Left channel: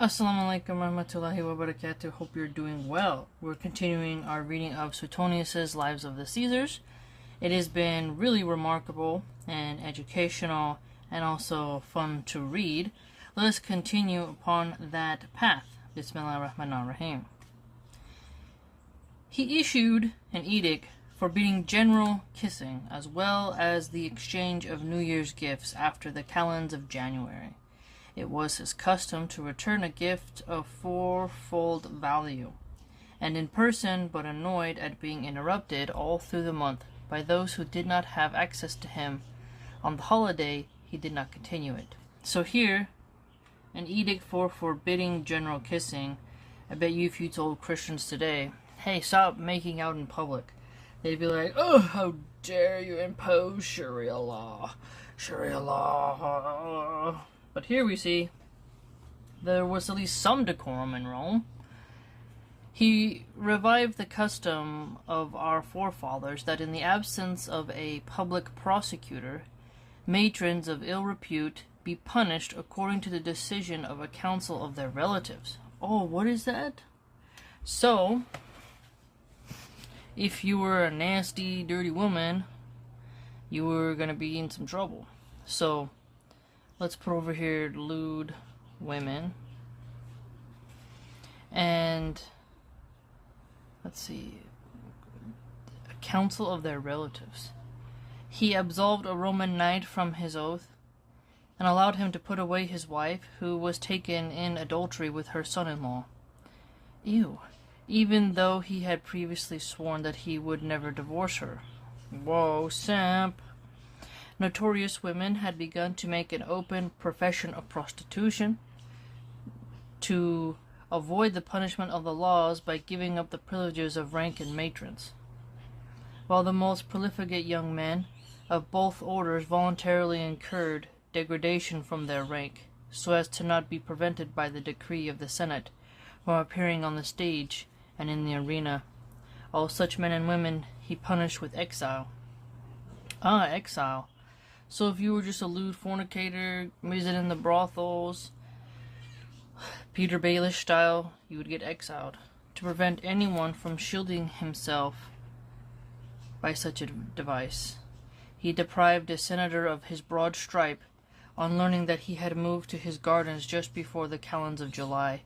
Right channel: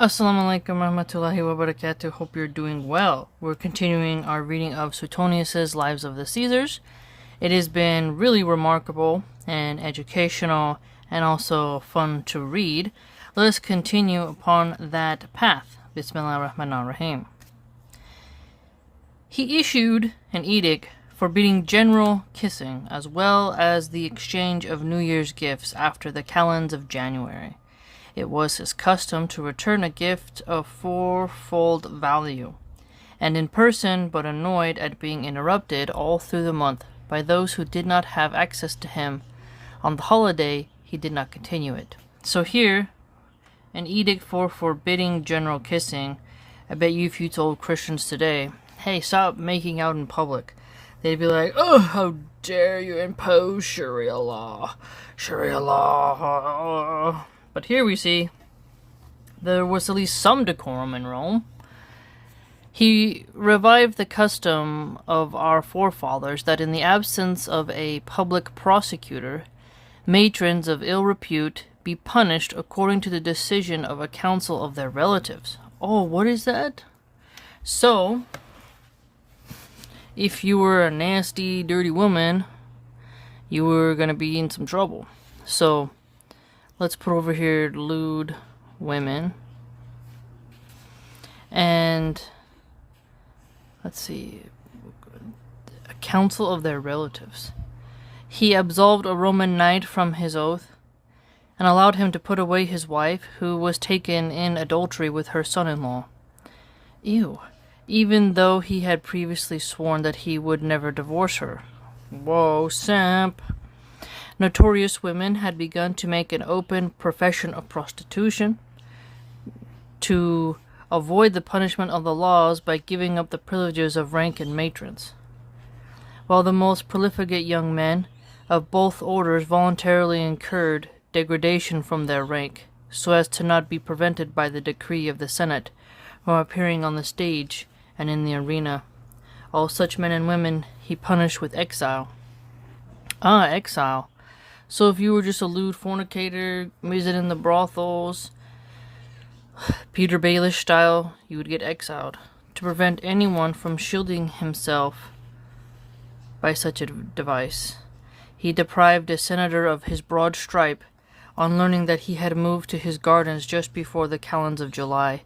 Assalamu alaikum warahmatullahi wabarakatuh. Hope you're doing well. We're continuing our reading of Suetonius' Lives of the Caesars. It has been really remarkable and educational and also fun to read. Let us continue upon that path. Bismillah ar-Rahman ar-Rahim. He issued an edict forbidding general kissing as well as the exchange of New Year's gifts after the calends of January. It was his custom to return a gift of fourfold value, and in person, but annoyed at being interrupted all through the month by those who did not have access to him. On the holiday, he did not continue it. So here, an edict for forbidding general kissing. I bet you if you told Christians today, hey, stop making out in public, they'd be like, oh, how dare you impose Sharia law. Sharia law. But here we see there was at least some decorum in Rome. He revived the custom of our forefathers that in the absence of a public prosecutor, matrons of ill repute be punished according to the decision of a council of their relatives. Oh, what is that? So, if you were a nasty, dirty woman, you were going to be in some trouble. So, let's put over here lewd women. And let's see. A council of their relatives. He absolved a Roman knight from his oath and allowed him to put away his wife, who was taken in adultery with her son-in-law. Ew. Even though he had previously sworn that he would never divorce her. Whoa, simp. Notorious women had begun to make an open profession of prostitution to avoid the punishment of the laws by giving up the privileges of rank and matrons, while the most profligate young men of both orders voluntarily incurred degradation from their rank, so as to not be prevented by the decree of the Senate from appearing on the stage and in the arena. All such men and women he punished with exile. Exile. So if you were just a lewd fornicator, visiting the brothels, Peter Baelish style, you would get exiled, to prevent anyone from shielding himself by such a device. He deprived a senator of his broad stripe on learning that he had moved to his gardens just before the calends of July,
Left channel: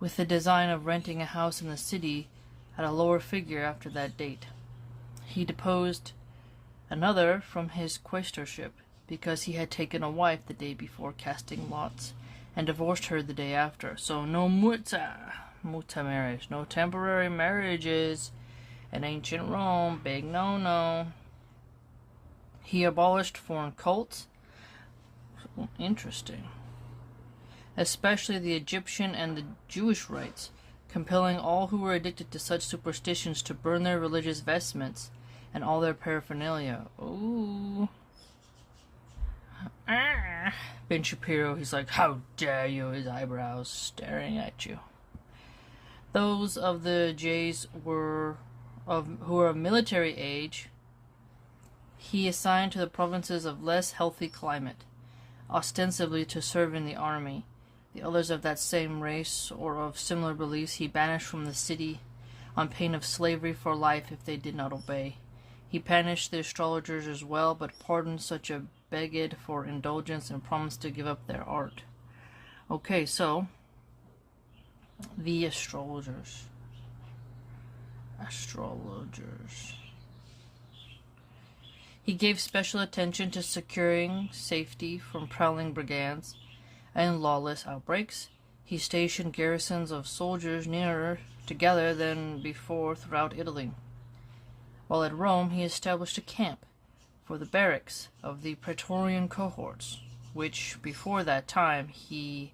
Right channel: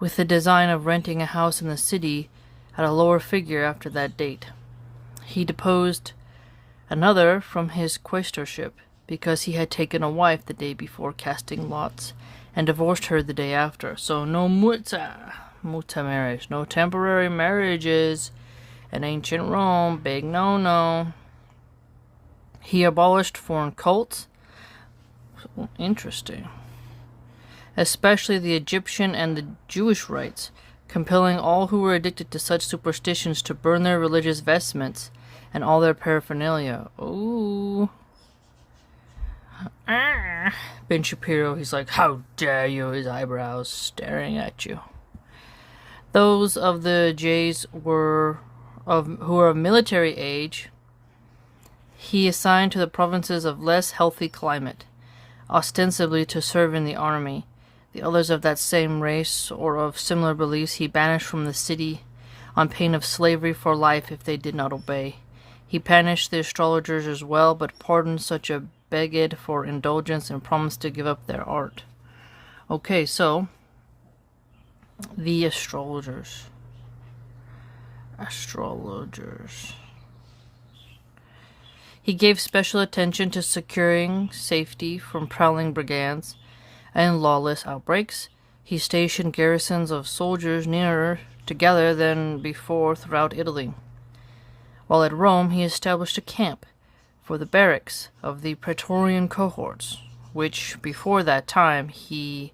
with the design of renting a house in the city at a lower figure after that date. He deposed another from his quaestorship, because he had taken a wife the day before casting lots, and divorced her the day after. So no muta marriage, no temporary marriages in ancient Rome, big no-no. He abolished foreign cults. Interesting. Especially the Egyptian and the Jewish rites, compelling all who were addicted to such superstitions to burn their religious vestments and all their paraphernalia. Ooh. Ben Shapiro, he's like, how dare you, his eyebrows staring at you. Those of the Jays who were of military age, he assigned to the provinces of less healthy climate, ostensibly to serve in the army. The others of that same race or of similar beliefs he banished from the city on pain of slavery for life if they did not obey. He punished the astrologers as well, but pardoned such a begged for indulgence and promised to give up their art. Okay, so the astrologers. He gave special attention to securing safety from prowling brigands and lawless outbreaks. He stationed garrisons of soldiers nearer together than before throughout Italy. While at Rome, he established a camp for the barracks of the Praetorian cohorts, which before that time he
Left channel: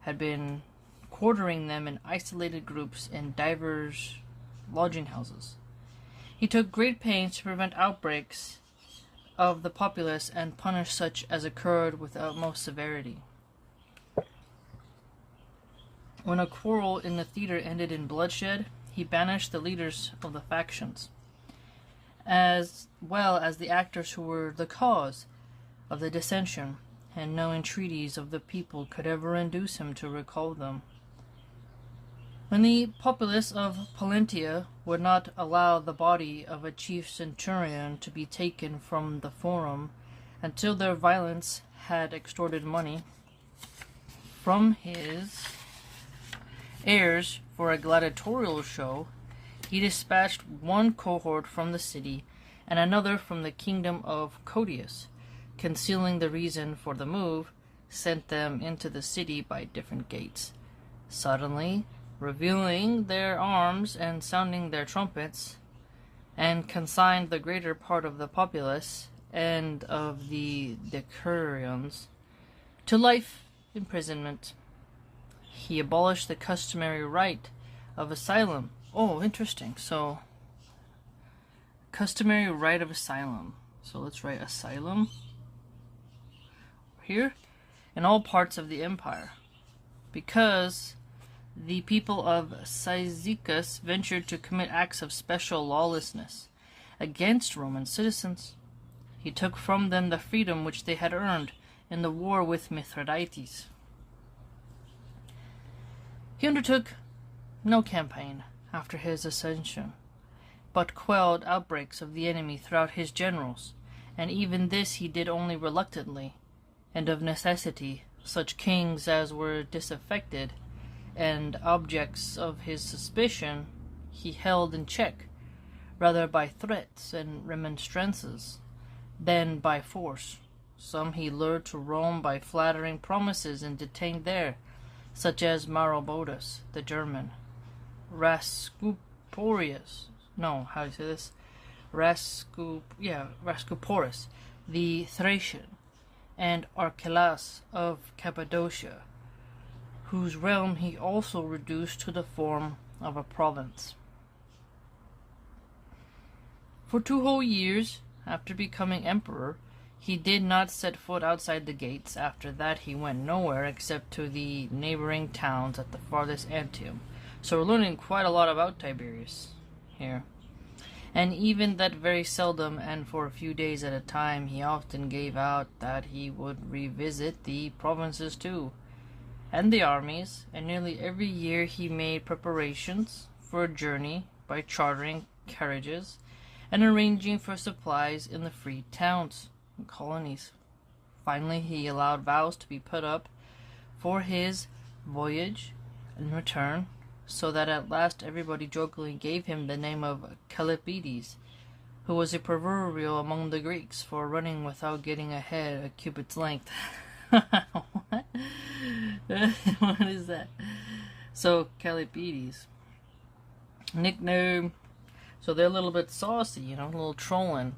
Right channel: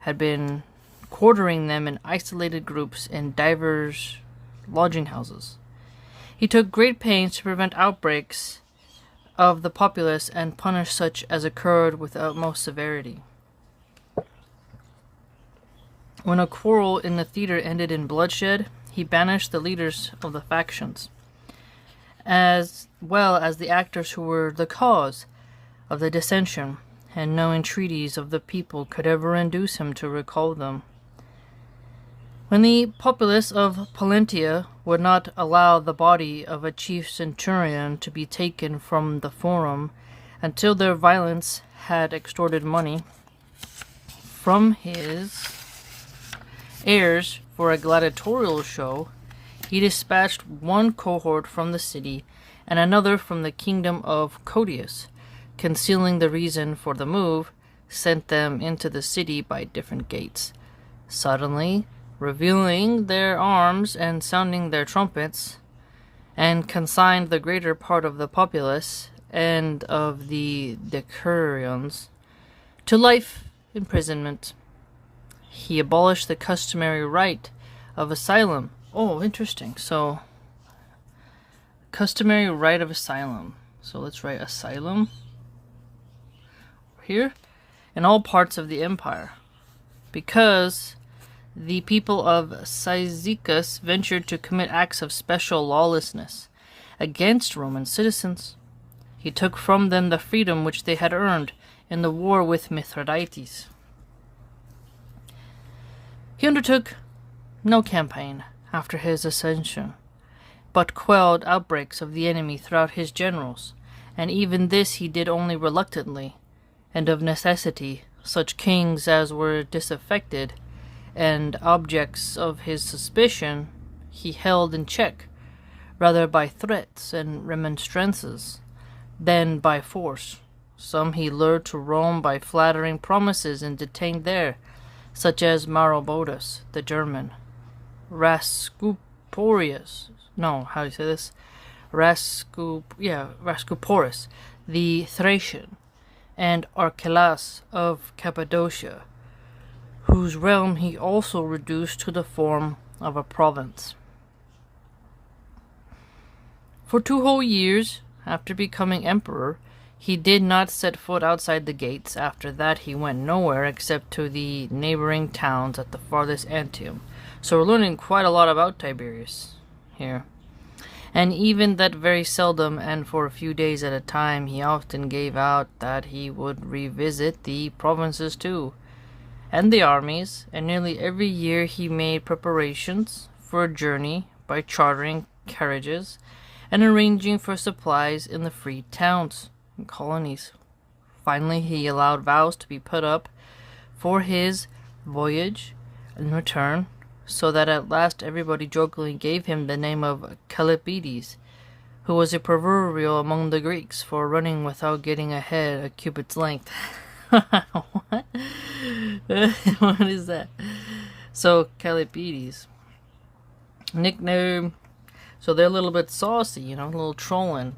had been quartering them in isolated groups in divers lodging houses. He took great pains to prevent outbreaks of the populace and punish such as occurred with utmost severity. When a quarrel in the theater ended in bloodshed, he banished the leaders of the factions, as well as the actors who were the cause of the dissension, and no entreaties of the people could ever induce him to recall them. When the populace of Pollentia would not allow the body of a chief centurion to be taken from the forum until their violence had extorted money from his heirs for a gladiatorial show, he dispatched one cohort from the city and another from the kingdom of Codius, concealing the reason for the move, sent them into the city by different gates. Suddenly, revealing their arms and sounding their trumpets, and consigned the greater part of the populace and of the decurions to life imprisonment. He abolished the customary right of asylum. Oh, interesting. So, customary right of asylum. So let's write asylum here in all parts of the empire, because the people of Cyzicus ventured to commit acts of special lawlessness against Roman citizens. He took from them the freedom which they had earned in the war with Mithridates. He undertook no campaign after his ascension, but quelled outbreaks of the enemy throughout his generals, and even this he did only reluctantly, and of necessity. Such kings as were disaffected and objects of his suspicion he held in check, rather by threats and remonstrances than by force. Some he lured to Rome by flattering promises and detained there, such as Maroboduus, the German, Rascuporus, the Thracian, and Archelaus of Cappadocia, whose realm he also reduced to the form of a province. For 2 whole years after becoming emperor, he did not set foot outside the gates. After that he went nowhere except to the neighboring towns at the farthest Antium. So we're learning quite a lot about Tiberius here. And even that very seldom and for a few days at a time, he often gave out that he would revisit the provinces too, and the armies, and nearly every year he made preparations for a journey by chartering carriages and arranging for supplies in the freed towns and colonies. Finally, he allowed vows to be put up for his voyage and return, so that at last everybody jokingly gave him the name of Callipydes, who was a proverbial among the Greeks for running without getting ahead a cubit's length. What? What is that? So, Callipydes. Nickname. So they're a little bit saucy, a little trolling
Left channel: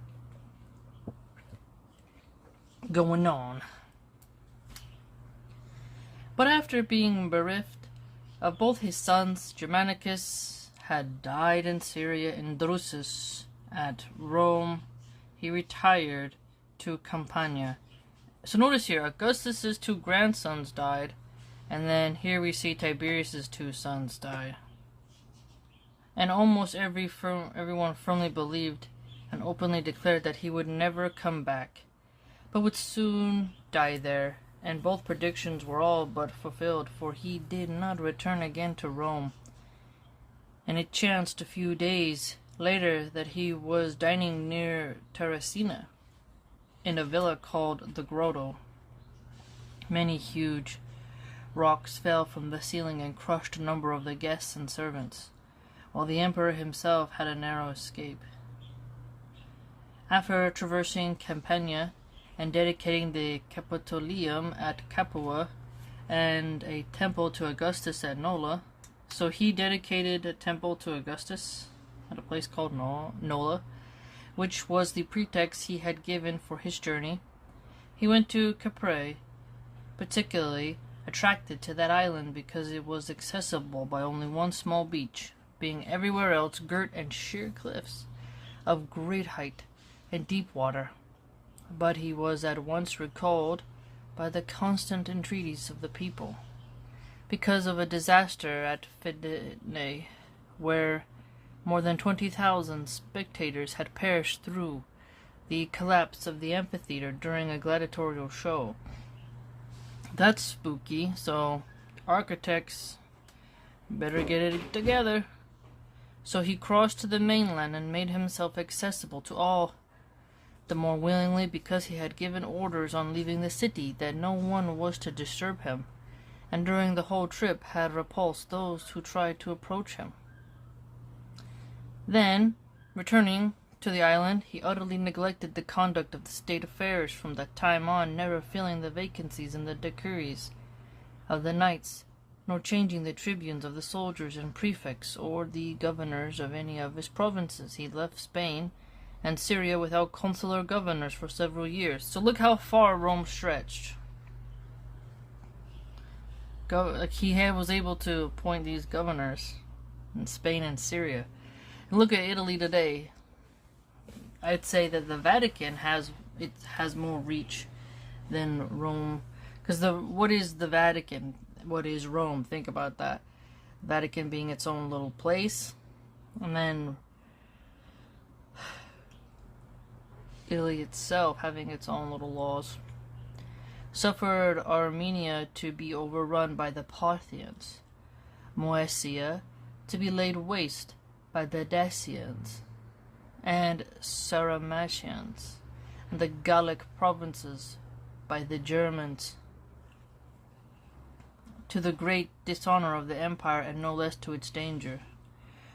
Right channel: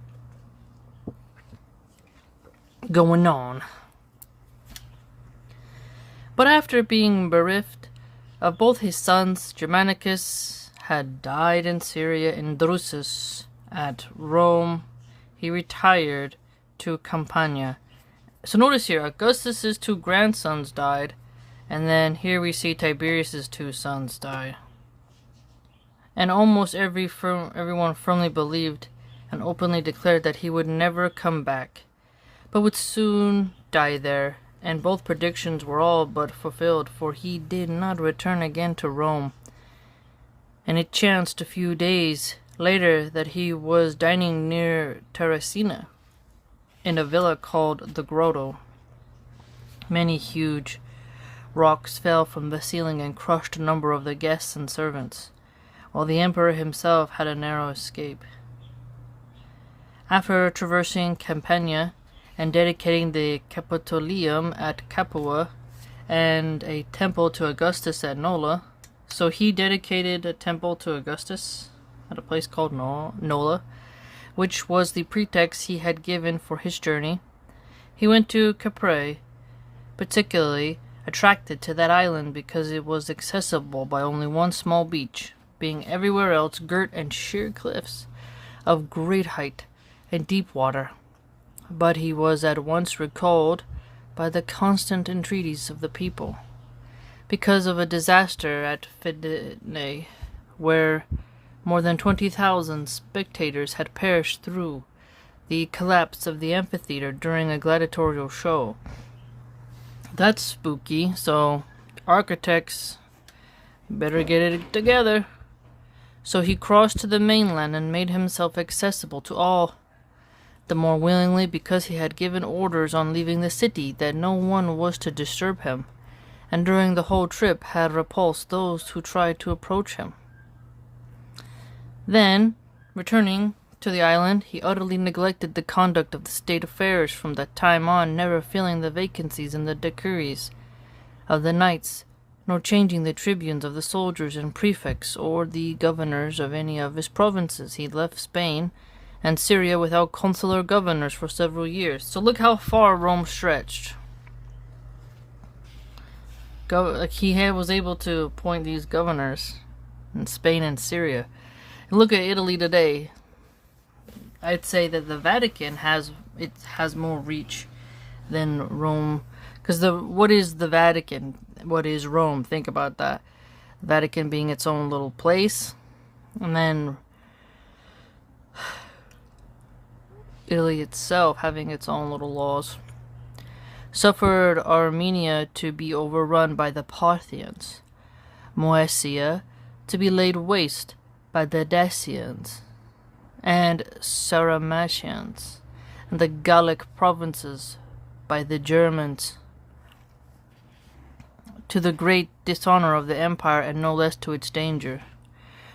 going on. But after being bereft of both his sons, Germanicus had died in Syria and Drusus at Rome. He retired to Campania. So notice here, Augustus's 2 grandsons died, and then here we see Tiberius's 2 sons die. And almost everyone firmly believed and openly declared that he would never come back, but would soon die there. And both predictions were all but fulfilled, for he did not return again to Rome. And it chanced a few days later that he was dining near Terracina, in a villa called the Grotto. Many huge rocks fell from the ceiling and crushed a number of the guests and servants, while the emperor himself had a narrow escape. After traversing Campania and dedicating the Capitolium at Capua and a temple to Augustus at Nola, so he dedicated a temple to Augustus at a place called Nola, which was the pretext he had given for his journey. He went to Capri, particularly attracted to that island because it was accessible by only one small beach, being everywhere else girt and sheer cliffs of great height and deep water. But he was at once recalled by the constant entreaties of the people, because of a disaster at Fidenae, where more than 20,000 spectators had perished through the collapse of the amphitheater during a gladiatorial show. That's spooky. So, architects better get it together. So he crossed to the mainland and made himself accessible to all, the more willingly because he had given orders on leaving the city that no one was to disturb him, and during the whole trip had repulsed those who tried to approach him. Then, returning to the island, he utterly neglected the conduct of the state affairs from that time on, never filling the vacancies in the decrees of the knights, nor changing the tribunes of the soldiers and prefects or the governors of any of his provinces. He left Spain and Syria without consular governors for several years. So look how far Rome stretched. He was able to appoint these governors in Spain and Syria. And look at Italy today. I'd say that the Vatican has more reach than Rome, because what is the Vatican? What is Rome? Think about that. Vatican being its own little place, and then Italy itself having its own little laws. Suffered Armenia to be overrun by the Parthians, Moesia to be laid waste by the Dacians and Sarmatians, and the Gallic provinces by the Germans, to the great dishonor of the empire and no less to its danger.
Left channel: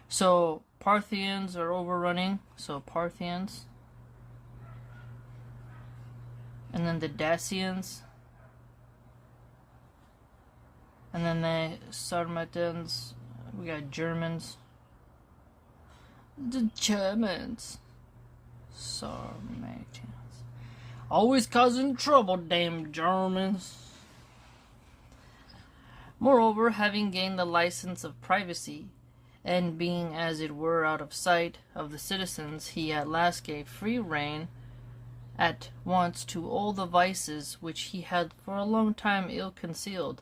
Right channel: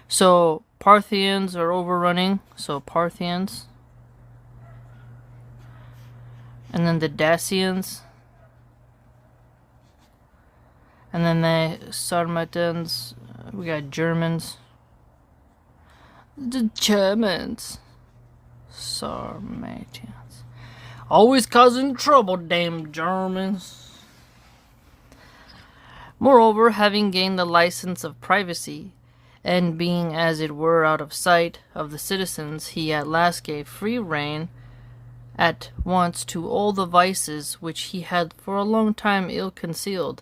So Parthians are overrunning, so Parthians, and then the Dacians, and then the Sarmatians, we got Germans. The Germans. Sarmatians. Always causing trouble, damn Germans. Moreover, having gained the license of privacy, and being as it were out of sight of the citizens, he at last gave free rein at once to all the vices which he had for a long time ill concealed,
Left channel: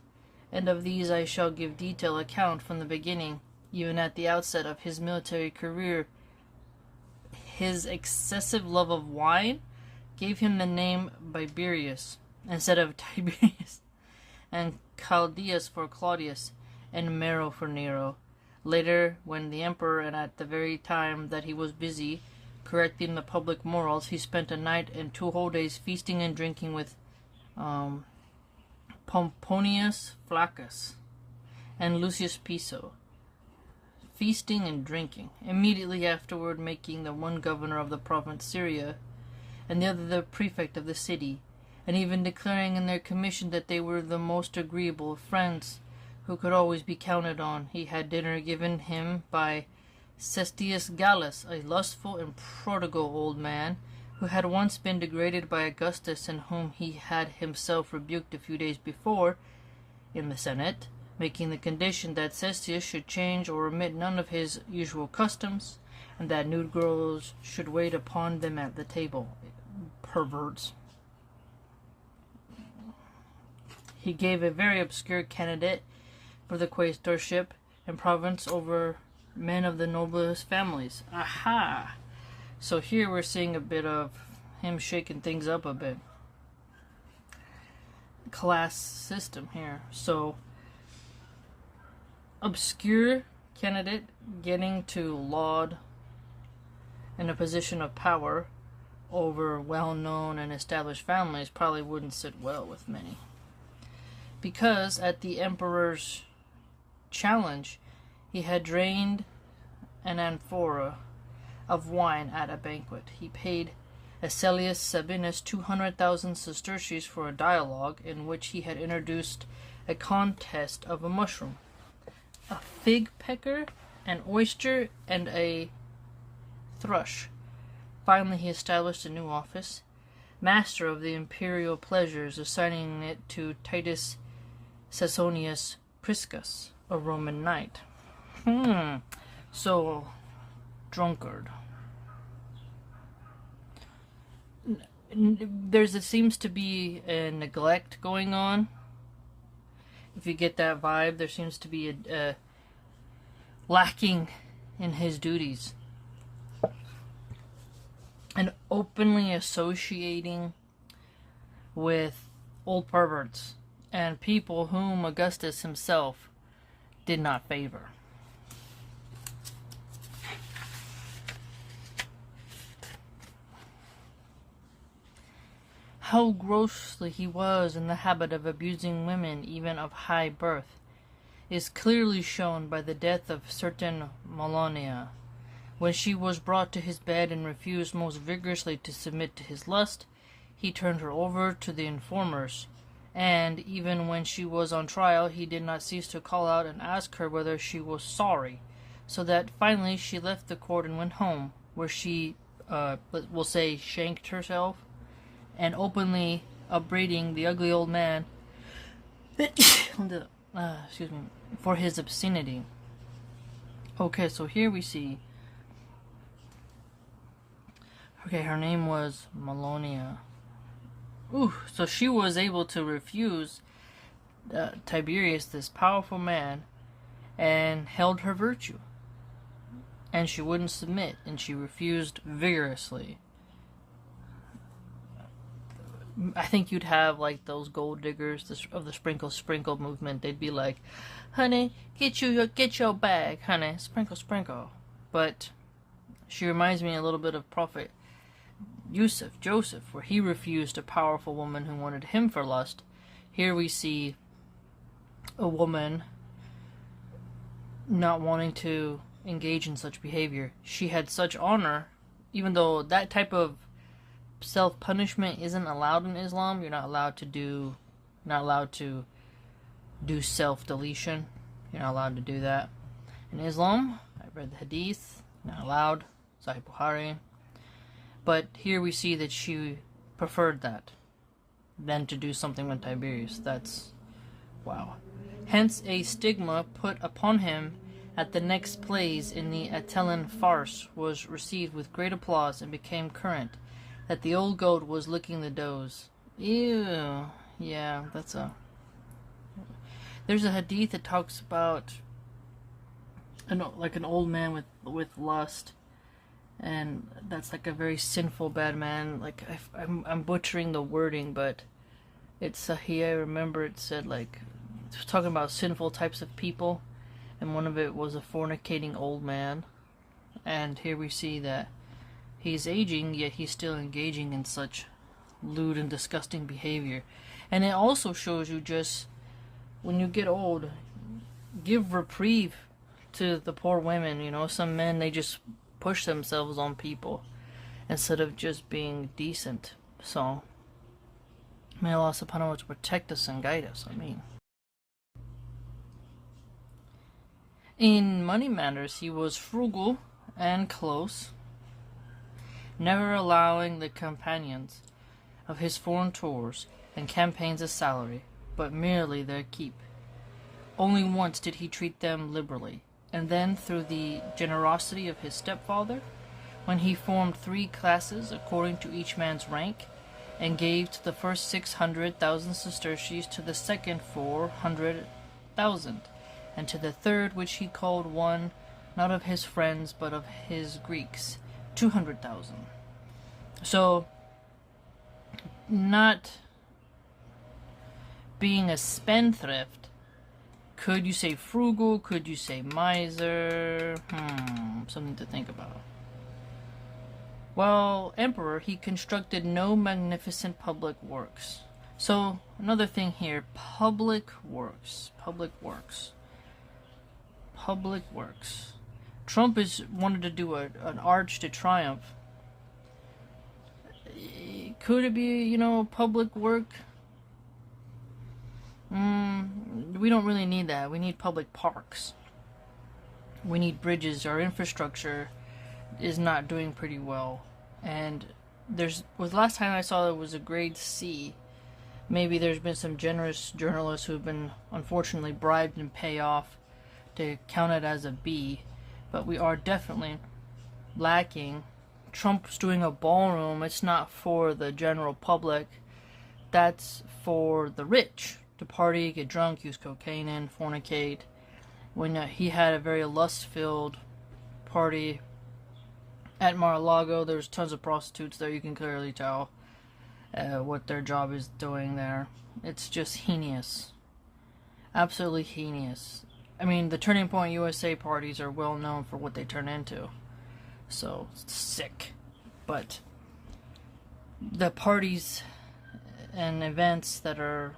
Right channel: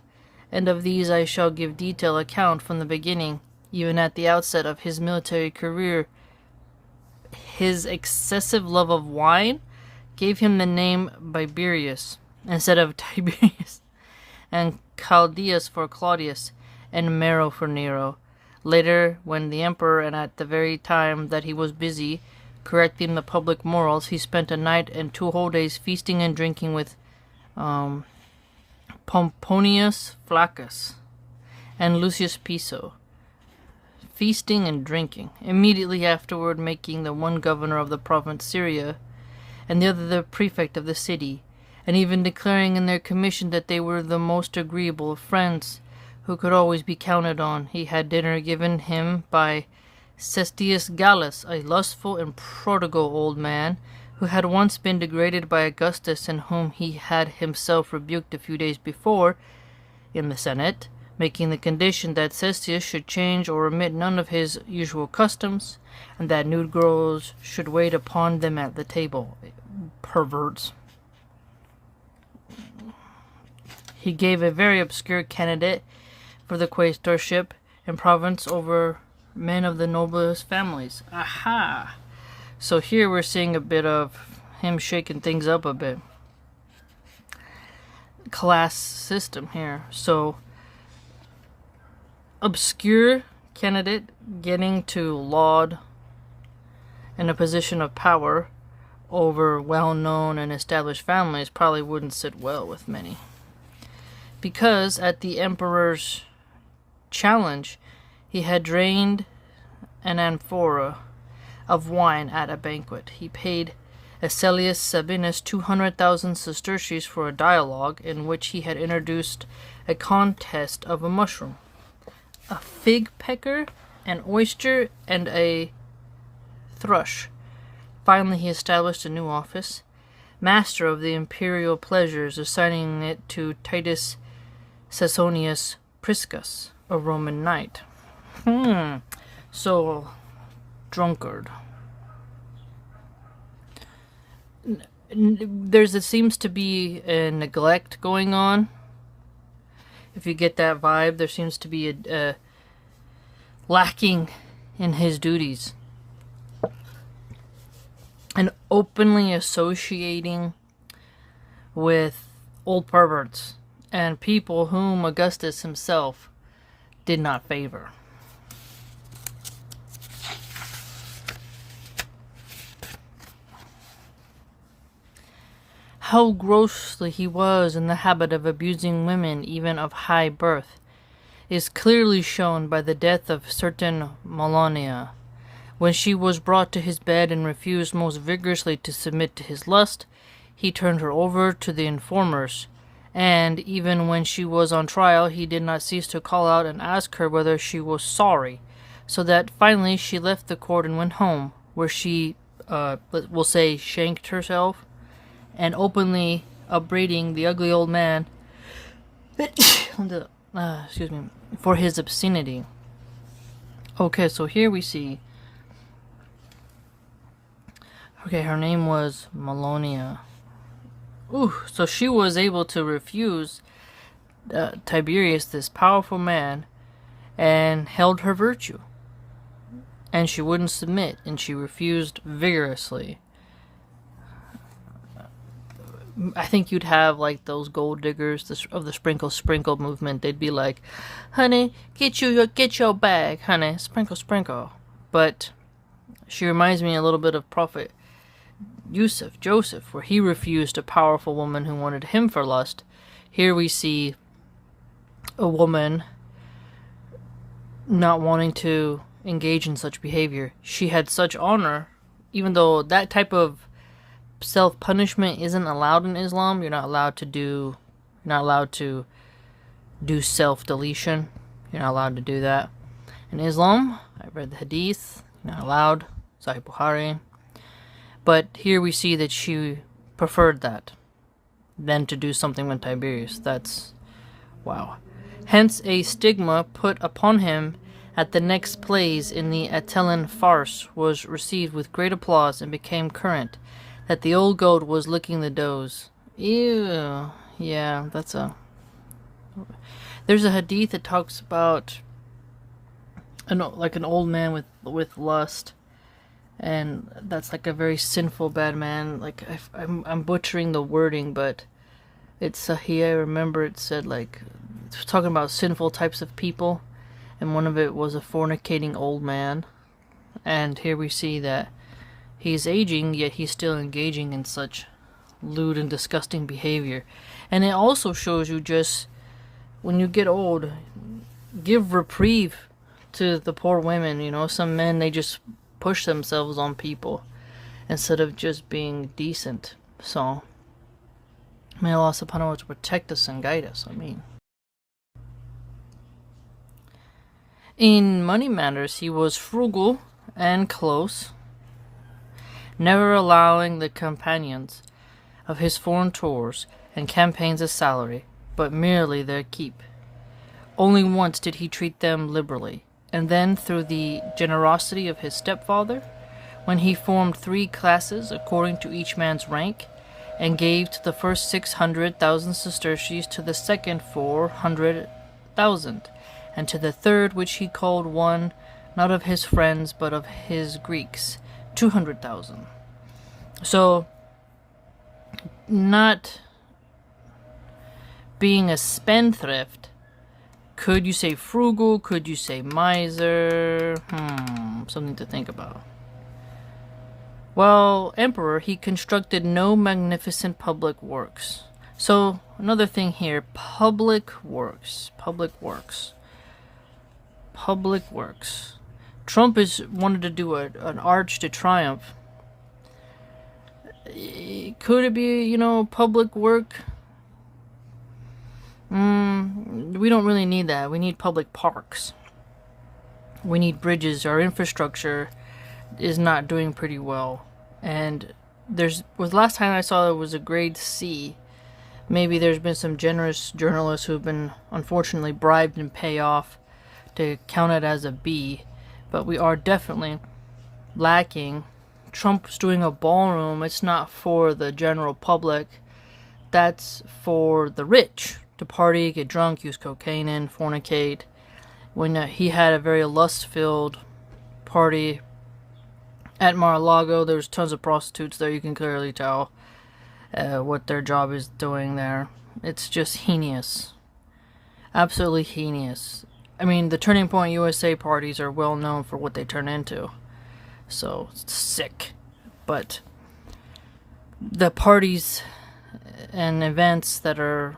and of these I shall give detailed account from the beginning, even at the outset of his military career. His excessive love of wine gave him the name Biberius instead of Tiberius, and Chaldeus for Claudius, and Nero for Nero. Later, when the emperor, and at the very time that he was busy correcting the public morals, he spent a night and 2 whole days feasting and drinking with Pomponius Flaccus and Lucius Piso, feasting and drinking, immediately afterward making the one governor of the province Syria, and the other the prefect of the city, and even declaring in their commission that they were the most agreeable of friends, who could always be counted on. He had dinner given him by Cestius Gallus, a lustful and prodigal old man, who had once been degraded by Augustus, and whom he had himself rebuked a few days before in the Senate, making the condition that Cestius should change or omit none of his usual customs, and that nude girls should wait upon them at the table. Perverts. He gave a very obscure candidate for the quaestorship and province over men of the noblest families. Aha! So here we're seeing a bit of him shaking things up a bit. Class system here. So, obscure candidate getting to laud in a position of power over well-known and established families probably wouldn't sit well with many. Because at the emperor's challenge, he had drained an amphora of wine at a banquet. He paid Asellius Sabinus 200,000 sesterces for a dialogue in which he had introduced a contest of a mushroom, a fig pecker, an oyster, and a thrush. Finally, he established a new office, master of the imperial pleasures, assigning it to Titus Suetonius Priscus, a Roman knight. So, drunkard. There seems to be a neglect going on. If you get that vibe, there seems to be a lacking in his duties. And openly associating with old perverts and people whom Augustus himself did not favor. How grossly he was in the habit of abusing women, even of high birth, is clearly shown by the death of certain Malonia. When she was brought to his bed and refused most vigorously to submit to his lust, he turned her over to the informers, and even when she was on trial, he did not cease to call out and ask her whether she was sorry, so that finally she left the court and went home, where she, we'll say, shanked herself, and openly upbraiding the ugly old man for his obscenity. Okay, so here we see, her name was Malonia. So she was able to refuse Tiberius, this powerful man, and held her virtue. And she wouldn't submit, and she refused vigorously. I think you'd have like those gold diggers of the sprinkle movement. They'd be like, "Honey, get your bag, honey, sprinkle." But she reminds me a little bit of Prophet Joseph, where he refused a powerful woman who wanted him for lust. Here we see a woman not wanting to engage in such behavior. She had such honor, even though that type of self-punishment isn't allowed in Islam. You're not allowed to do self-deletion. You're not allowed to do that in Islam. I read the hadith. You're not allowed. Sahih Bukhari. But here we see that she preferred that than to do something with Tiberius. That's wow. Hence a stigma put upon him at the next plays in the Attilan farce was received with great applause and became current, that the old goat was licking the does. Ew. Yeah, there's a hadith that talks about an old man with lust, and that's like a very sinful bad man. Like I'm butchering the wording, but it's Sahih. I remember it said it's talking about sinful types of people, and one of it was a fornicating old man. And here we see that he's aging, yet he's still engaging in such lewd and disgusting behavior. And it also shows you, just when you get old, give reprieve to the poor women. Some men, they just push themselves on people instead of just being decent. So may Allah subhanahu wa ta'ala protect us and guide us. In money matters, he was frugal and close, never allowing the companions of his foreign tours and campaigns a salary, but merely their keep. Only once did he treat them liberally, and then through the generosity of his stepfather, when he formed 3 classes according to each man's rank, and gave to the first 600,000 sesterces, to the second 400,000, and to the third, which he called one not of his friends but of his Greeks, 200,000. So, not being a spendthrift, could you say frugal? Could you say miser? Something to think about. Well, emperor, he constructed no magnificent public works. So, another thing here, public works. Trump wanted to do an Arch de Triomphe. Could it be, public work? We don't really need that. We need public parks. We need bridges. Our infrastructure is not doing pretty well. And last time I saw there was a grade C. Maybe there's been some generous journalists who've been unfortunately bribed and pay off to count it as a B. But we are definitely lacking. Trump's doing a ballroom. It's not for the general public. That's for the rich to party, get drunk, use cocaine, and fornicate. When he had a very lust-filled party at Mar-a-Lago, there was tons of prostitutes there, you can clearly tell. what their job is doing there. It's just heinous. Absolutely heinous. I mean, the Turning Point USA parties are well known for what they turn into. So, it's sick. But the parties and events that are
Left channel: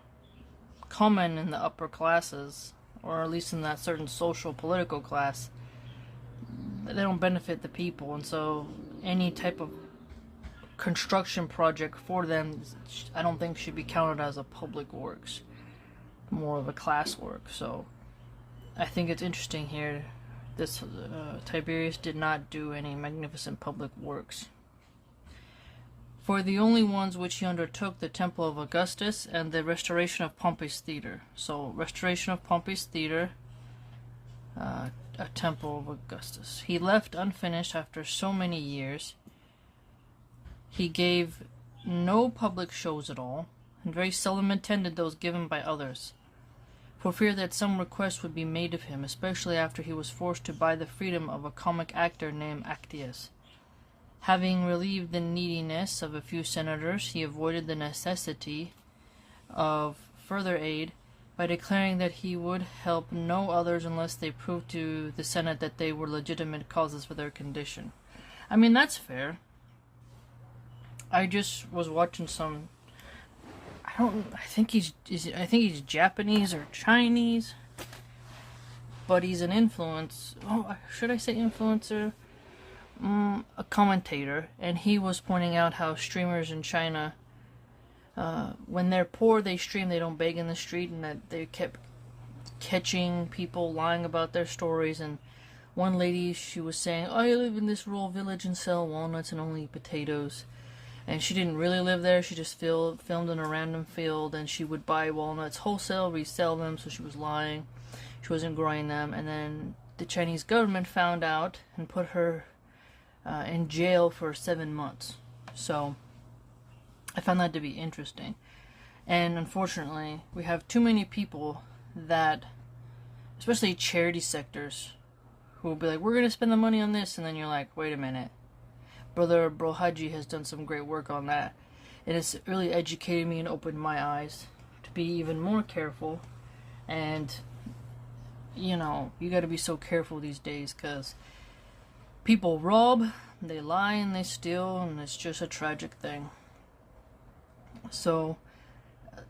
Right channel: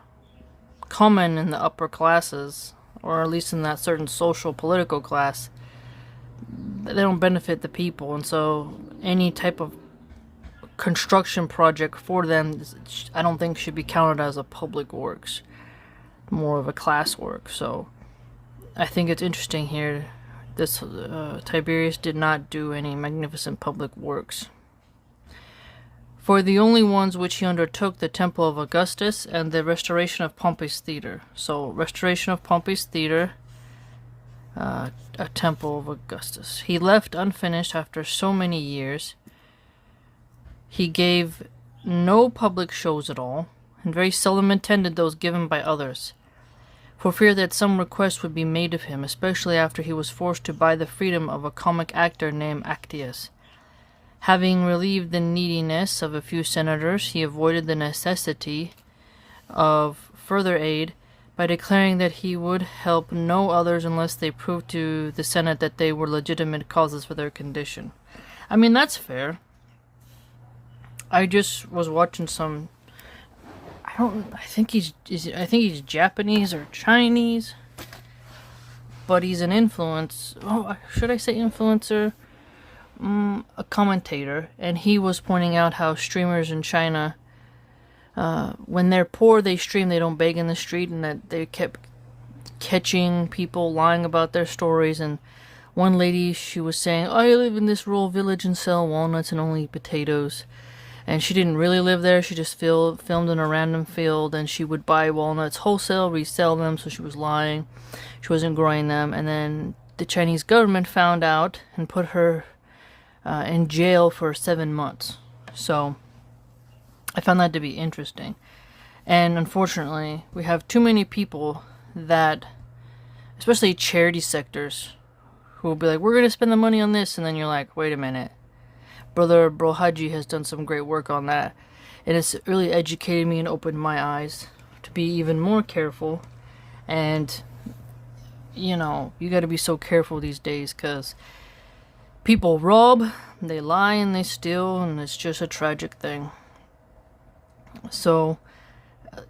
common in the upper classes, or at least in that certain social political class, they don't benefit the people, and so any type of construction project for them, I don't think should be counted as a public works, more of a class work. So I think it's interesting here, this Tiberius did not do any magnificent public works. For the only ones which he undertook, the temple of Augustus and the restoration of Pompey's theater. So, restoration of Pompey's theater, a temple of Augustus. He left unfinished after so many years. He gave no public shows at all, and very seldom attended those given by others, for fear that some request would be made of him, especially after he was forced to buy the freedom of a comic actor named Actius. Having relieved the neediness of a few senators, he avoided the necessity of further aid by declaring that he would help no others unless they proved to the Senate that they were legitimate causes for their condition. I mean, that's fair. I just was watching some. I think he's Japanese or Chinese, but he's an should I say influencer? A commentator, and he was pointing out how streamers in China, when they're poor, they stream, they don't beg in the street, and that they kept catching people lying about their stories. And one lady, she was saying, I live in this rural village and sell walnuts and only potatoes. And she didn't really live there, she just filmed in a random field, and she would buy walnuts wholesale, resell them, so she was lying. She wasn't growing them. And then the Chinese government found out and put her in jail for 7 months. So I found that to be interesting. And unfortunately, we have too many people that, especially charity sectors, who will be like, we're going to spend the money on this, and then you're like, wait a minute. Brother Brohaji has done some great work on that, and it's really educated me and opened my eyes to be even more careful. And you got to be so careful these days, because people rob, they lie, and they steal, and it's just a tragic thing. So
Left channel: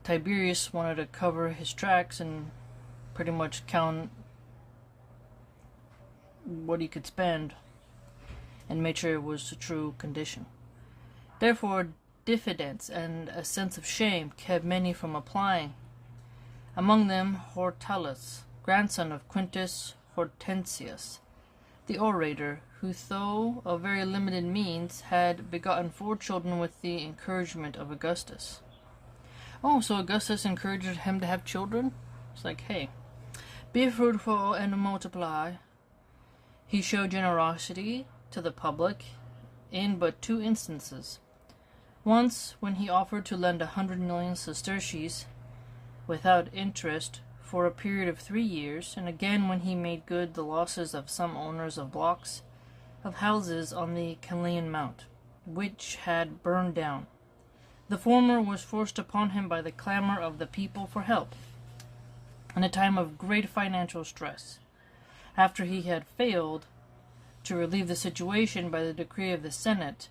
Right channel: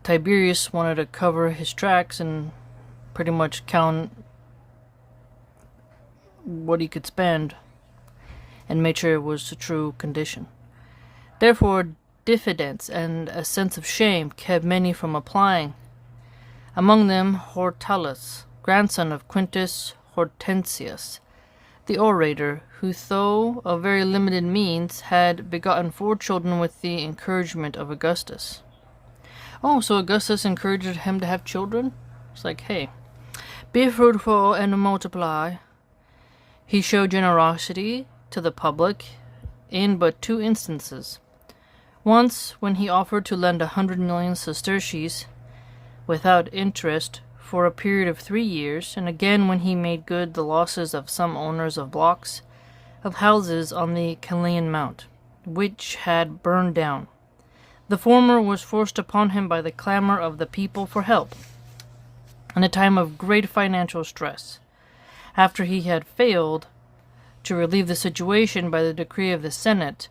Tiberius wanted to cover his tracks and pretty much count what he could spend and made sure it was the true condition. Therefore, diffidence and a sense of shame kept many from applying. Among them Hortalus, grandson of Quintus Hortensius, the orator, who, though of very limited means, had begotten 4 children with the encouragement of Augustus. Oh, so Augustus encouraged him to have children? It's like, hey, be fruitful and multiply. He showed generosity to the public in but 2 instances. Once, when he offered to lend 100 million sesterces without interest for a period of 3 years, and again when he made good the losses of some owners of blocks of houses on the Caelian Mount, which had burned down. The former was forced upon him by the clamor of the people for help, in a time of great financial stress, after he had failed to relieve the situation by the decree of the Senate,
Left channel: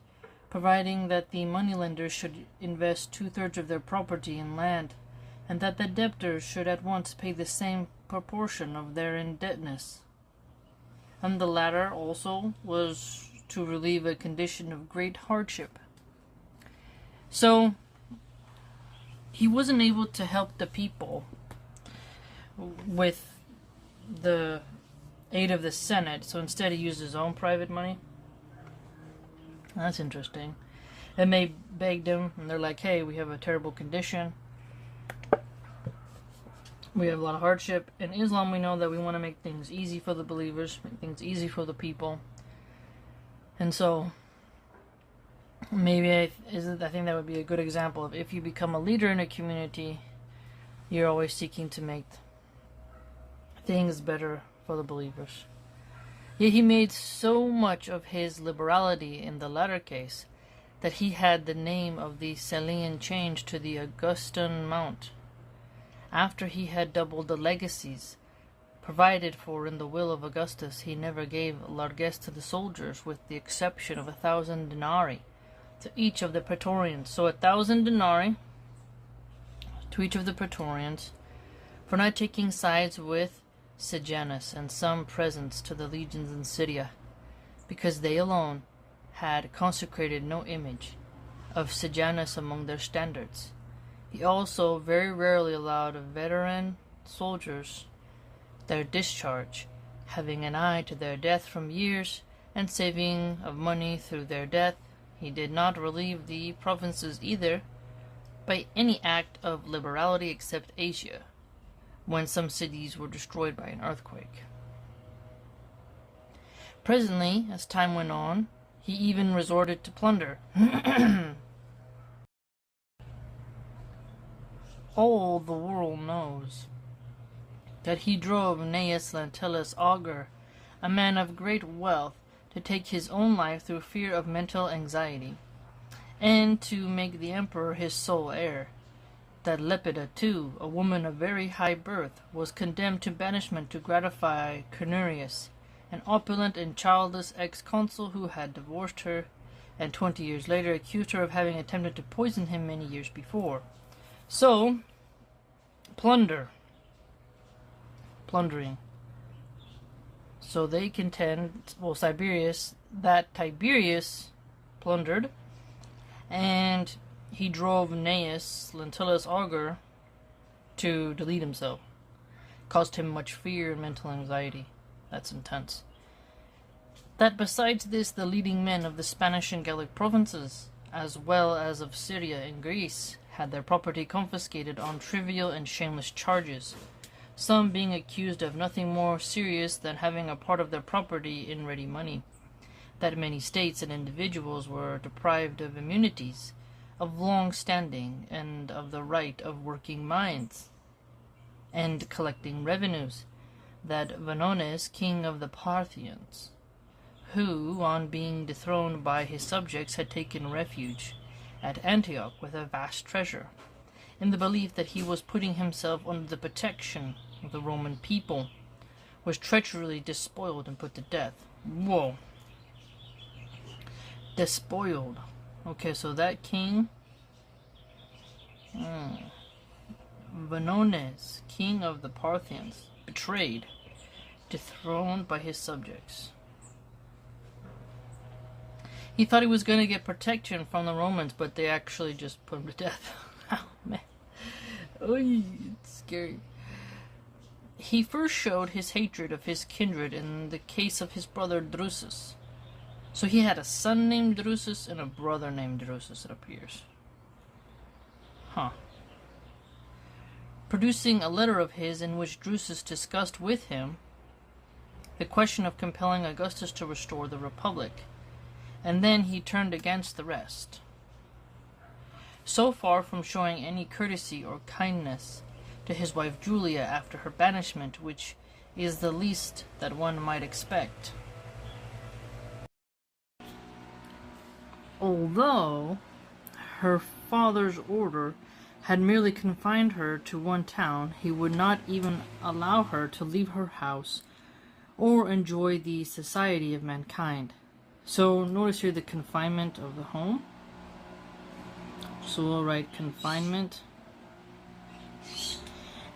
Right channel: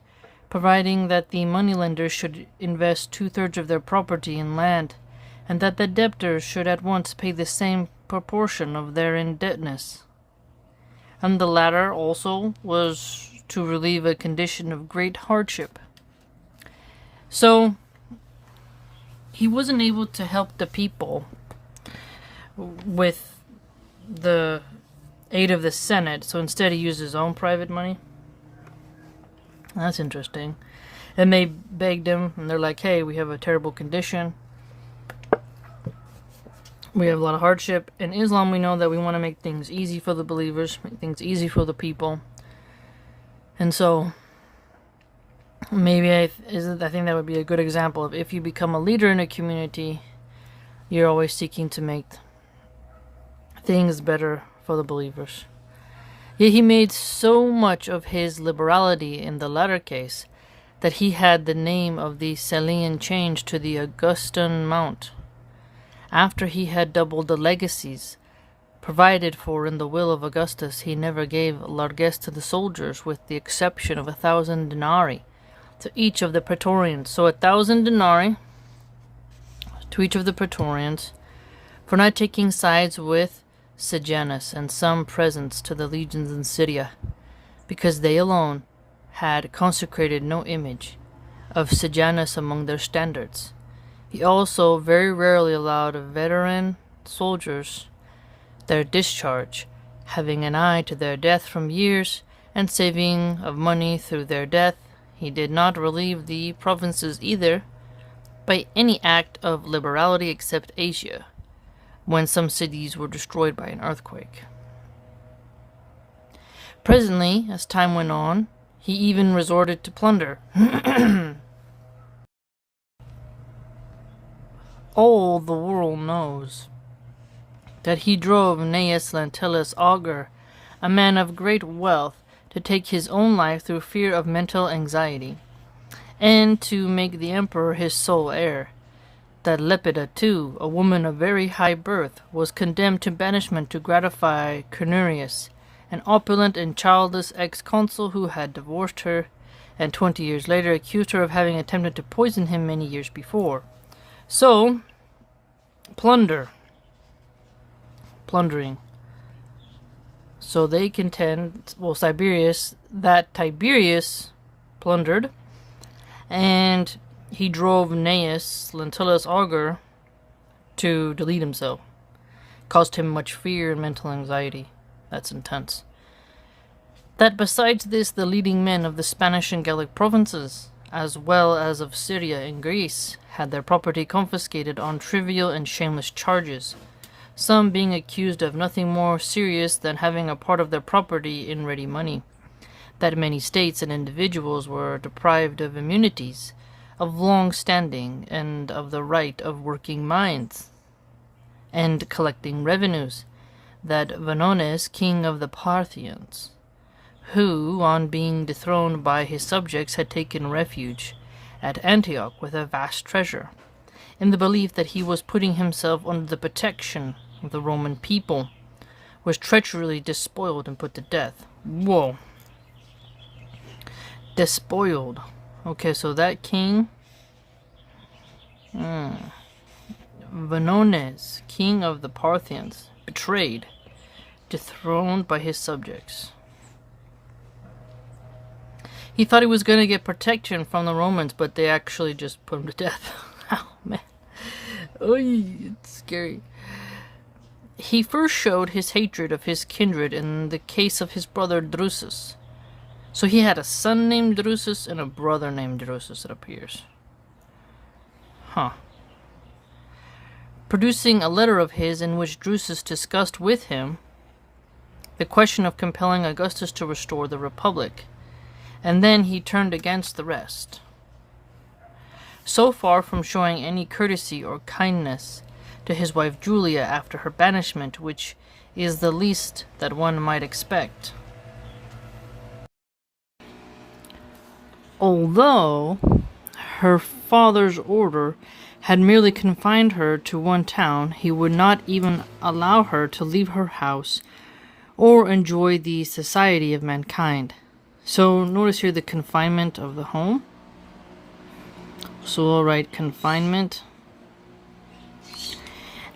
providing that the moneylenders should invest 2/3 of their property in land, and that the debtors should at once pay the same proportion of their indebtedness. And the latter also was to relieve a condition of great hardship. So he wasn't able to help the people with the aid of the Senate, so instead he used his own private money. That's interesting. And they begged him, and they're like, hey, we have a terrible condition. We have a lot of hardship. In Islam, we know that we want to make things easy for the believers, make things easy for the people. And so, maybe I think that would be a good example of if you become a leader in a community, you're always seeking to make things better for the believers. Yet he made so much of his liberality in the latter case that he had the name of the Salian changed to the Augustan Mount. After he had doubled the legacies provided for in the will of Augustus, he never gave largesse to the soldiers, with the exception of 1,000 denarii to each of the praetorians. So 1,000 denarii to each of the praetorians for not taking sides with Sejanus, and some presents to the legions in Syria, because they alone had consecrated no image of Sejanus among their standards. He also very rarely allowed veteran soldiers their discharge, having an eye to their death from years, and saving of money through their death. He did not relieve the provinces either by any act of liberality except Asia, when some cities were destroyed by an earthquake. Presently, as time went on, he even resorted to plunder. All the world knows that he drove Gnaeus Lentulus Augur, a man of great wealth, to take his own life through fear of mental anxiety, and to make the emperor his sole heir. That Lepida, too, a woman of very high birth, was condemned to banishment to gratify Cornurius, an opulent and childless ex-consul who had divorced her, and 20 years later accused her of having attempted to poison him many years before. So, plundering. So they contend, well, Tiberius plundered, and he drove Gnaeus Lentulus Augur to delete himself. Caused him much fear and mental anxiety. That's intense. That besides this, the leading men of the Spanish and Gallic provinces, as well as of Syria and Greece, had their property confiscated on trivial and shameless charges, some being accused of nothing more serious than having a part of their property in ready money. That many states and individuals were deprived of immunities, of long standing, and of the right of working mines and collecting revenues. That Vonones, king of the Parthians, who, on being dethroned by his subjects, had taken refuge at Antioch with a vast treasure, in the belief that he was putting himself under the protection of the Roman people, was treacherously despoiled and put to death. Whoa. Despoiled. Okay, so that king, Vonones, king of the Parthians, betrayed, dethroned by his subjects. He thought he was going to get protection from the Romans, but they actually just put him to death. Oh, man. Oy, it's scary. He first showed his hatred of his kindred in the case of his brother Drusus. So he had a son named Drusus and a brother named Drusus, it appears. Producing a letter of his in which Drusus discussed with him the question of compelling Augustus to restore the Republic, and then he turned against the rest. So far from showing any courtesy or kindness to his wife Julia after her banishment, which is the least that one might expect. Although her father's order had merely confined her to one town, he would not even allow her to leave her house or enjoy the society of mankind. So notice here the confinement of the home. So I'll write confinement.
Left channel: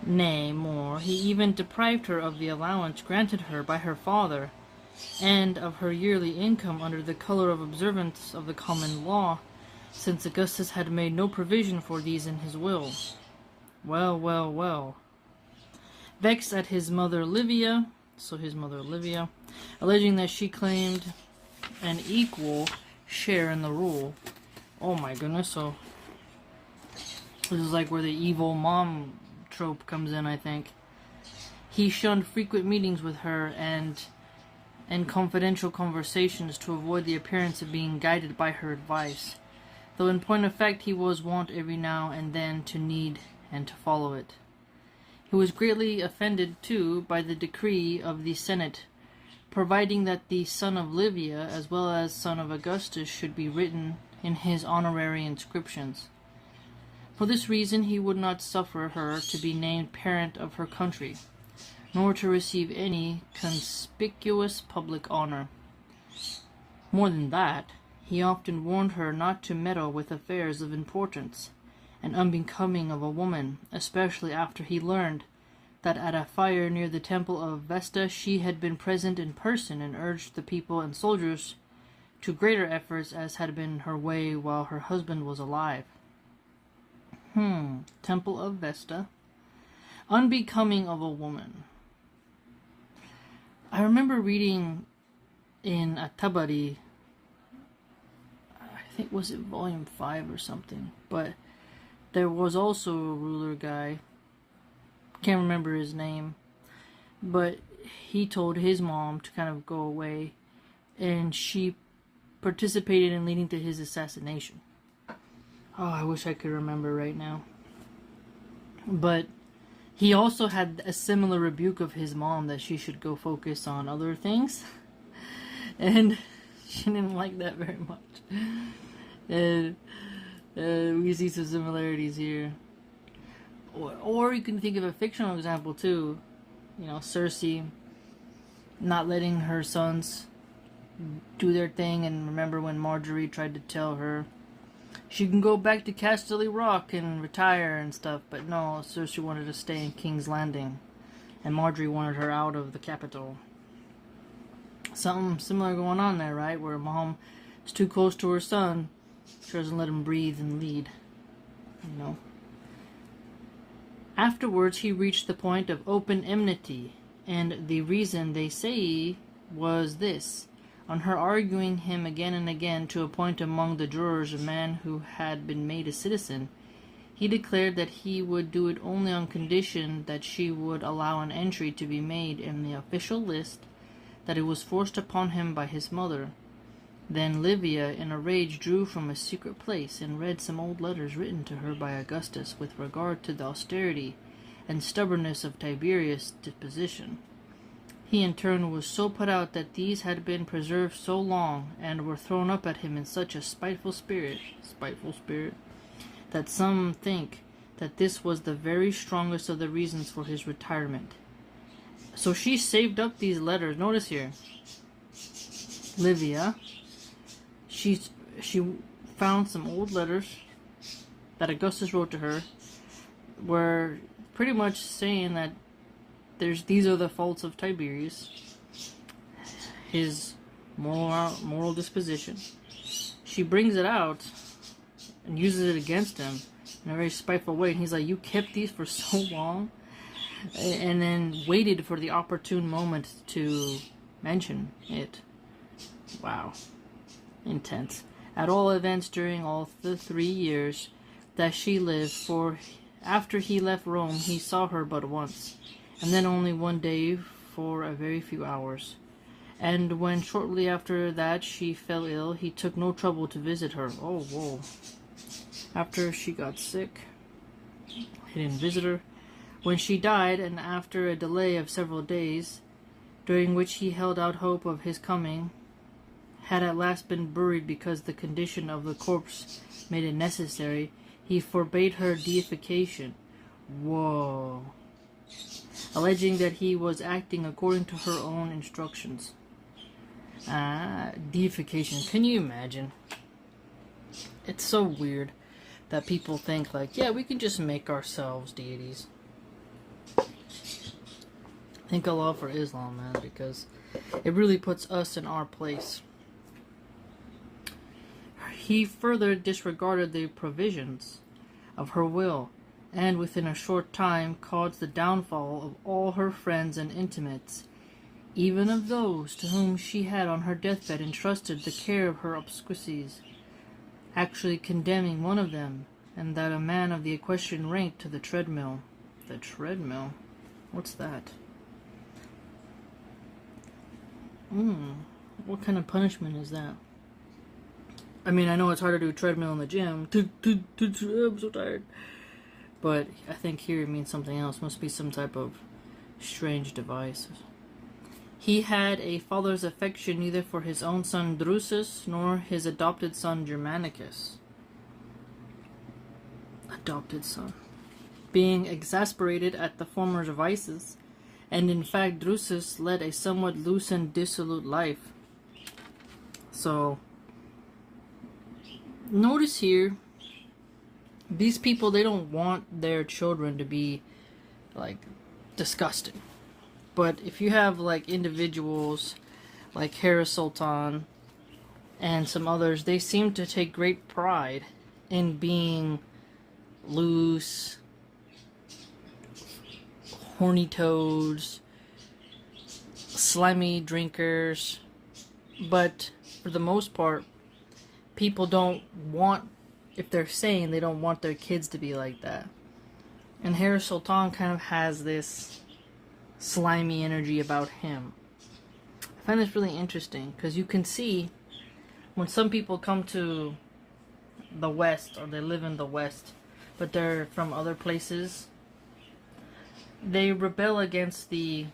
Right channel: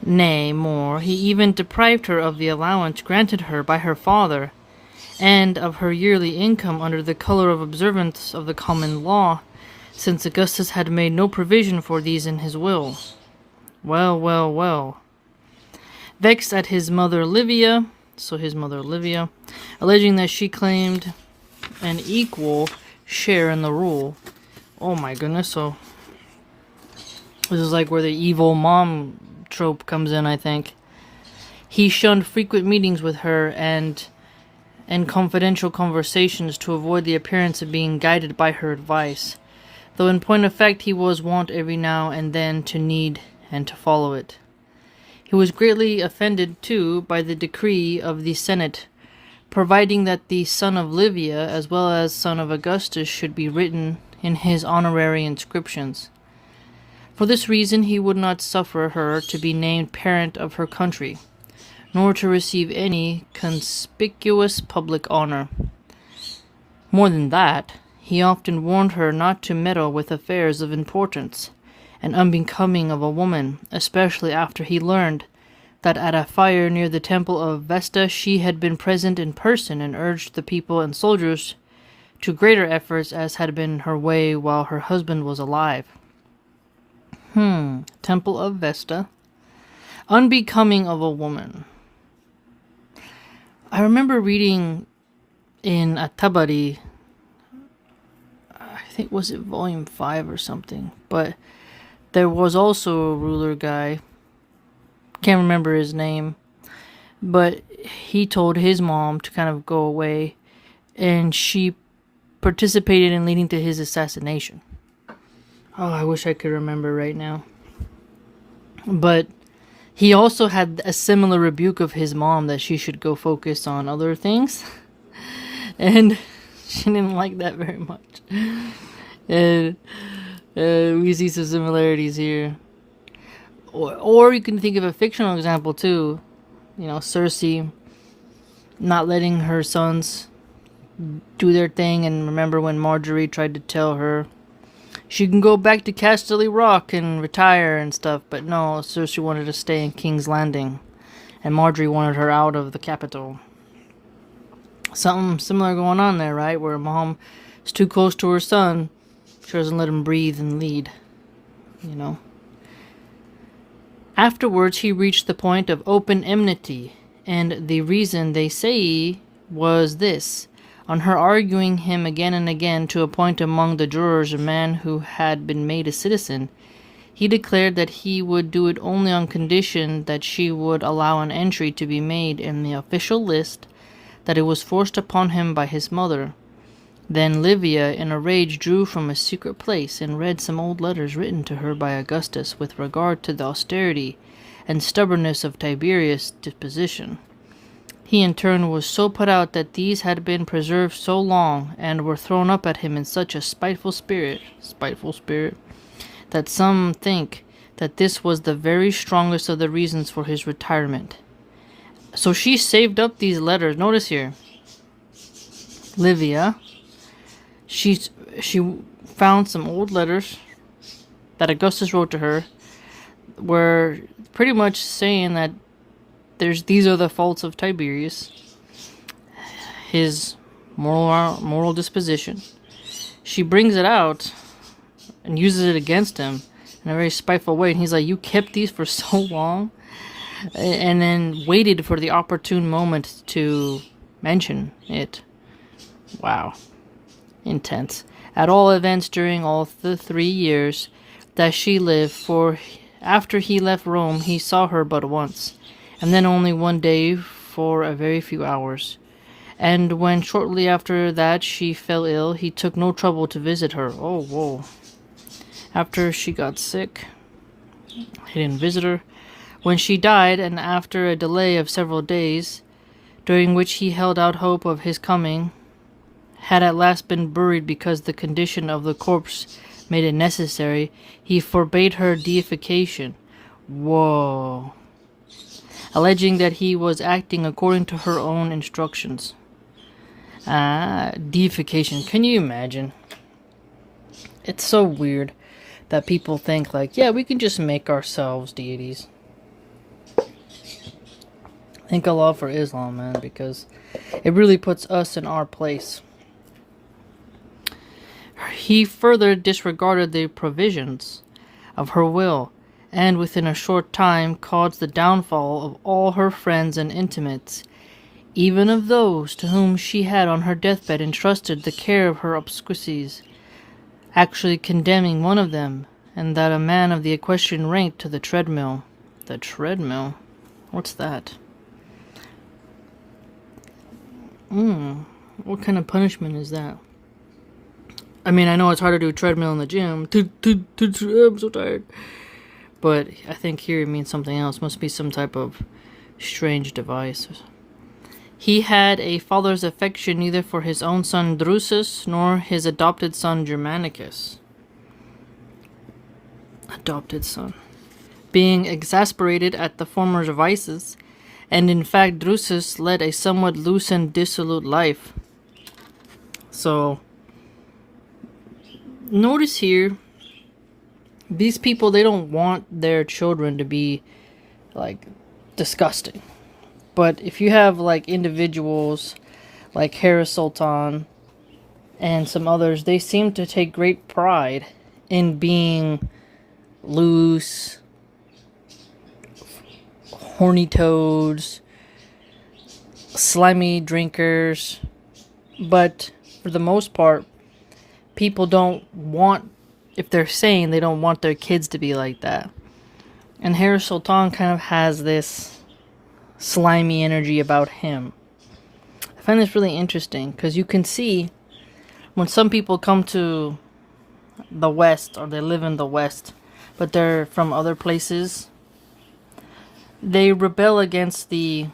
Nay, more, he even deprived her of the allowance granted her by her father, and of her yearly income under the color of observance of the common law, since Augustus had made no provision for these in his will. Well. Vexed at his mother Livia, alleging that she claimed an equal share in the rule. Oh my goodness, so this is like where the evil mom trope comes in, I think. He shunned frequent meetings with her and confidential conversations to avoid the appearance of being guided by her advice, though in point of fact he was wont every now and then to need and to follow it. He was greatly offended, too, by the decree of the Senate, providing that the son of Livia, as well as son of Augustus, should be written in his honorary inscriptions. For this reason he would not suffer her to be named parent of her country, nor to receive any conspicuous public honor. More than that, he often warned her not to meddle with affairs of importance and unbecoming of a woman, especially after he learned that at a fire near the temple of Vesta she had been present in person and urged the people and soldiers to greater efforts as had been her way while her husband was alive. Temple of Vesta. Unbecoming of a woman. I remember reading in At-Tabari, I think was it volume 5 or something, but there was also a ruler guy, can't remember his name, but he told his mom to kind of go away, and she participated in leading to his assassination. Oh, I wish I could remember right now. But he also had a similar rebuke of his mom that she should go focus on other things. And she didn't like that very much. And we see some similarities here. Or you can think of a fictional example too. You know, Cersei not letting her sons do their thing. And remember when Marjorie tried to tell her she can go back to Casterly Rock and retire and stuff, but no, Cersei wanted to stay in King's Landing, and Marjorie wanted her out of the capital. Something similar going on there, right? Where mom is too close to her son, she doesn't let him breathe and lead, you know. Afterwards, he reached the point of open enmity, and the reason, they say, was this. On her arguing him again and again to appoint among the jurors a man who had been made a citizen, he declared that he would do it only on condition that she would allow an entry to be made in the official list that it was forced upon him by his mother. Then Livia, in a rage, drew from a secret place and read some old letters written to her by Augustus with regard to the austerity and stubbornness of Tiberius' disposition. He in turn was so put out that these had been preserved so long, and were thrown up at him in such a spiteful spirit, that some think that this was the very strongest of the reasons for his retirement. So she saved up these letters. Notice here, Livia, she found some old letters that Augustus wrote to her, were pretty much saying that these are the faults of Tiberius, his moral disposition. She brings it out and uses it against him in a very spiteful way. And he's like, you kept these for so long? And then waited for the opportune moment to mention it. Wow. Intense. At all events, during all the 3 years that she lived, for after he left Rome, he saw her but once, and then only one day for a very few hours. And when shortly after that she fell ill, he took no trouble to visit her. Oh, whoa. After she got sick, he didn't visit her. When she died, and after a delay of several days, during which he held out hope of his coming, had at last been buried because the condition of the corpse made it necessary, he forbade her deification. Whoa. Alleging that he was acting according to her own instructions. Deification. Can you imagine? It's so weird that people think like, yeah, we can just make ourselves deities. Thank Allah for Islam, man, because it really puts us in our place. He further disregarded the provisions of her will, and within a short time caused the downfall of all her friends and intimates, even of those to whom she had on her deathbed entrusted the care of her obsequies, actually condemning one of them, and that a man of the equestrian rank, to the treadmill. The treadmill? What's that? What kind of punishment is that? I mean, I know it's hard to do a treadmill in the gym. I'm so tired. But I think here it means something else. Must be some type of strange device. He had a father's affection neither for his own son Drusus nor his adopted son Germanicus. Adopted son. Being exasperated at the former's vices, and in fact Drusus led a somewhat loose and dissolute life. So, notice here, these people, they don't want their children to be, like, disgusting. But if you have, like, individuals like Harris Sultan and some others, they seem to take great pride in being loose, horny toads, slimy drinkers. But for the most part, people don't want, if they're saying they don't want their kids to be like that. And Harris Sultan kind of has this slimy energy about him. I find this really interesting because you can see when some people come to the West, or they live in the West, but they're from other places, they rebel against the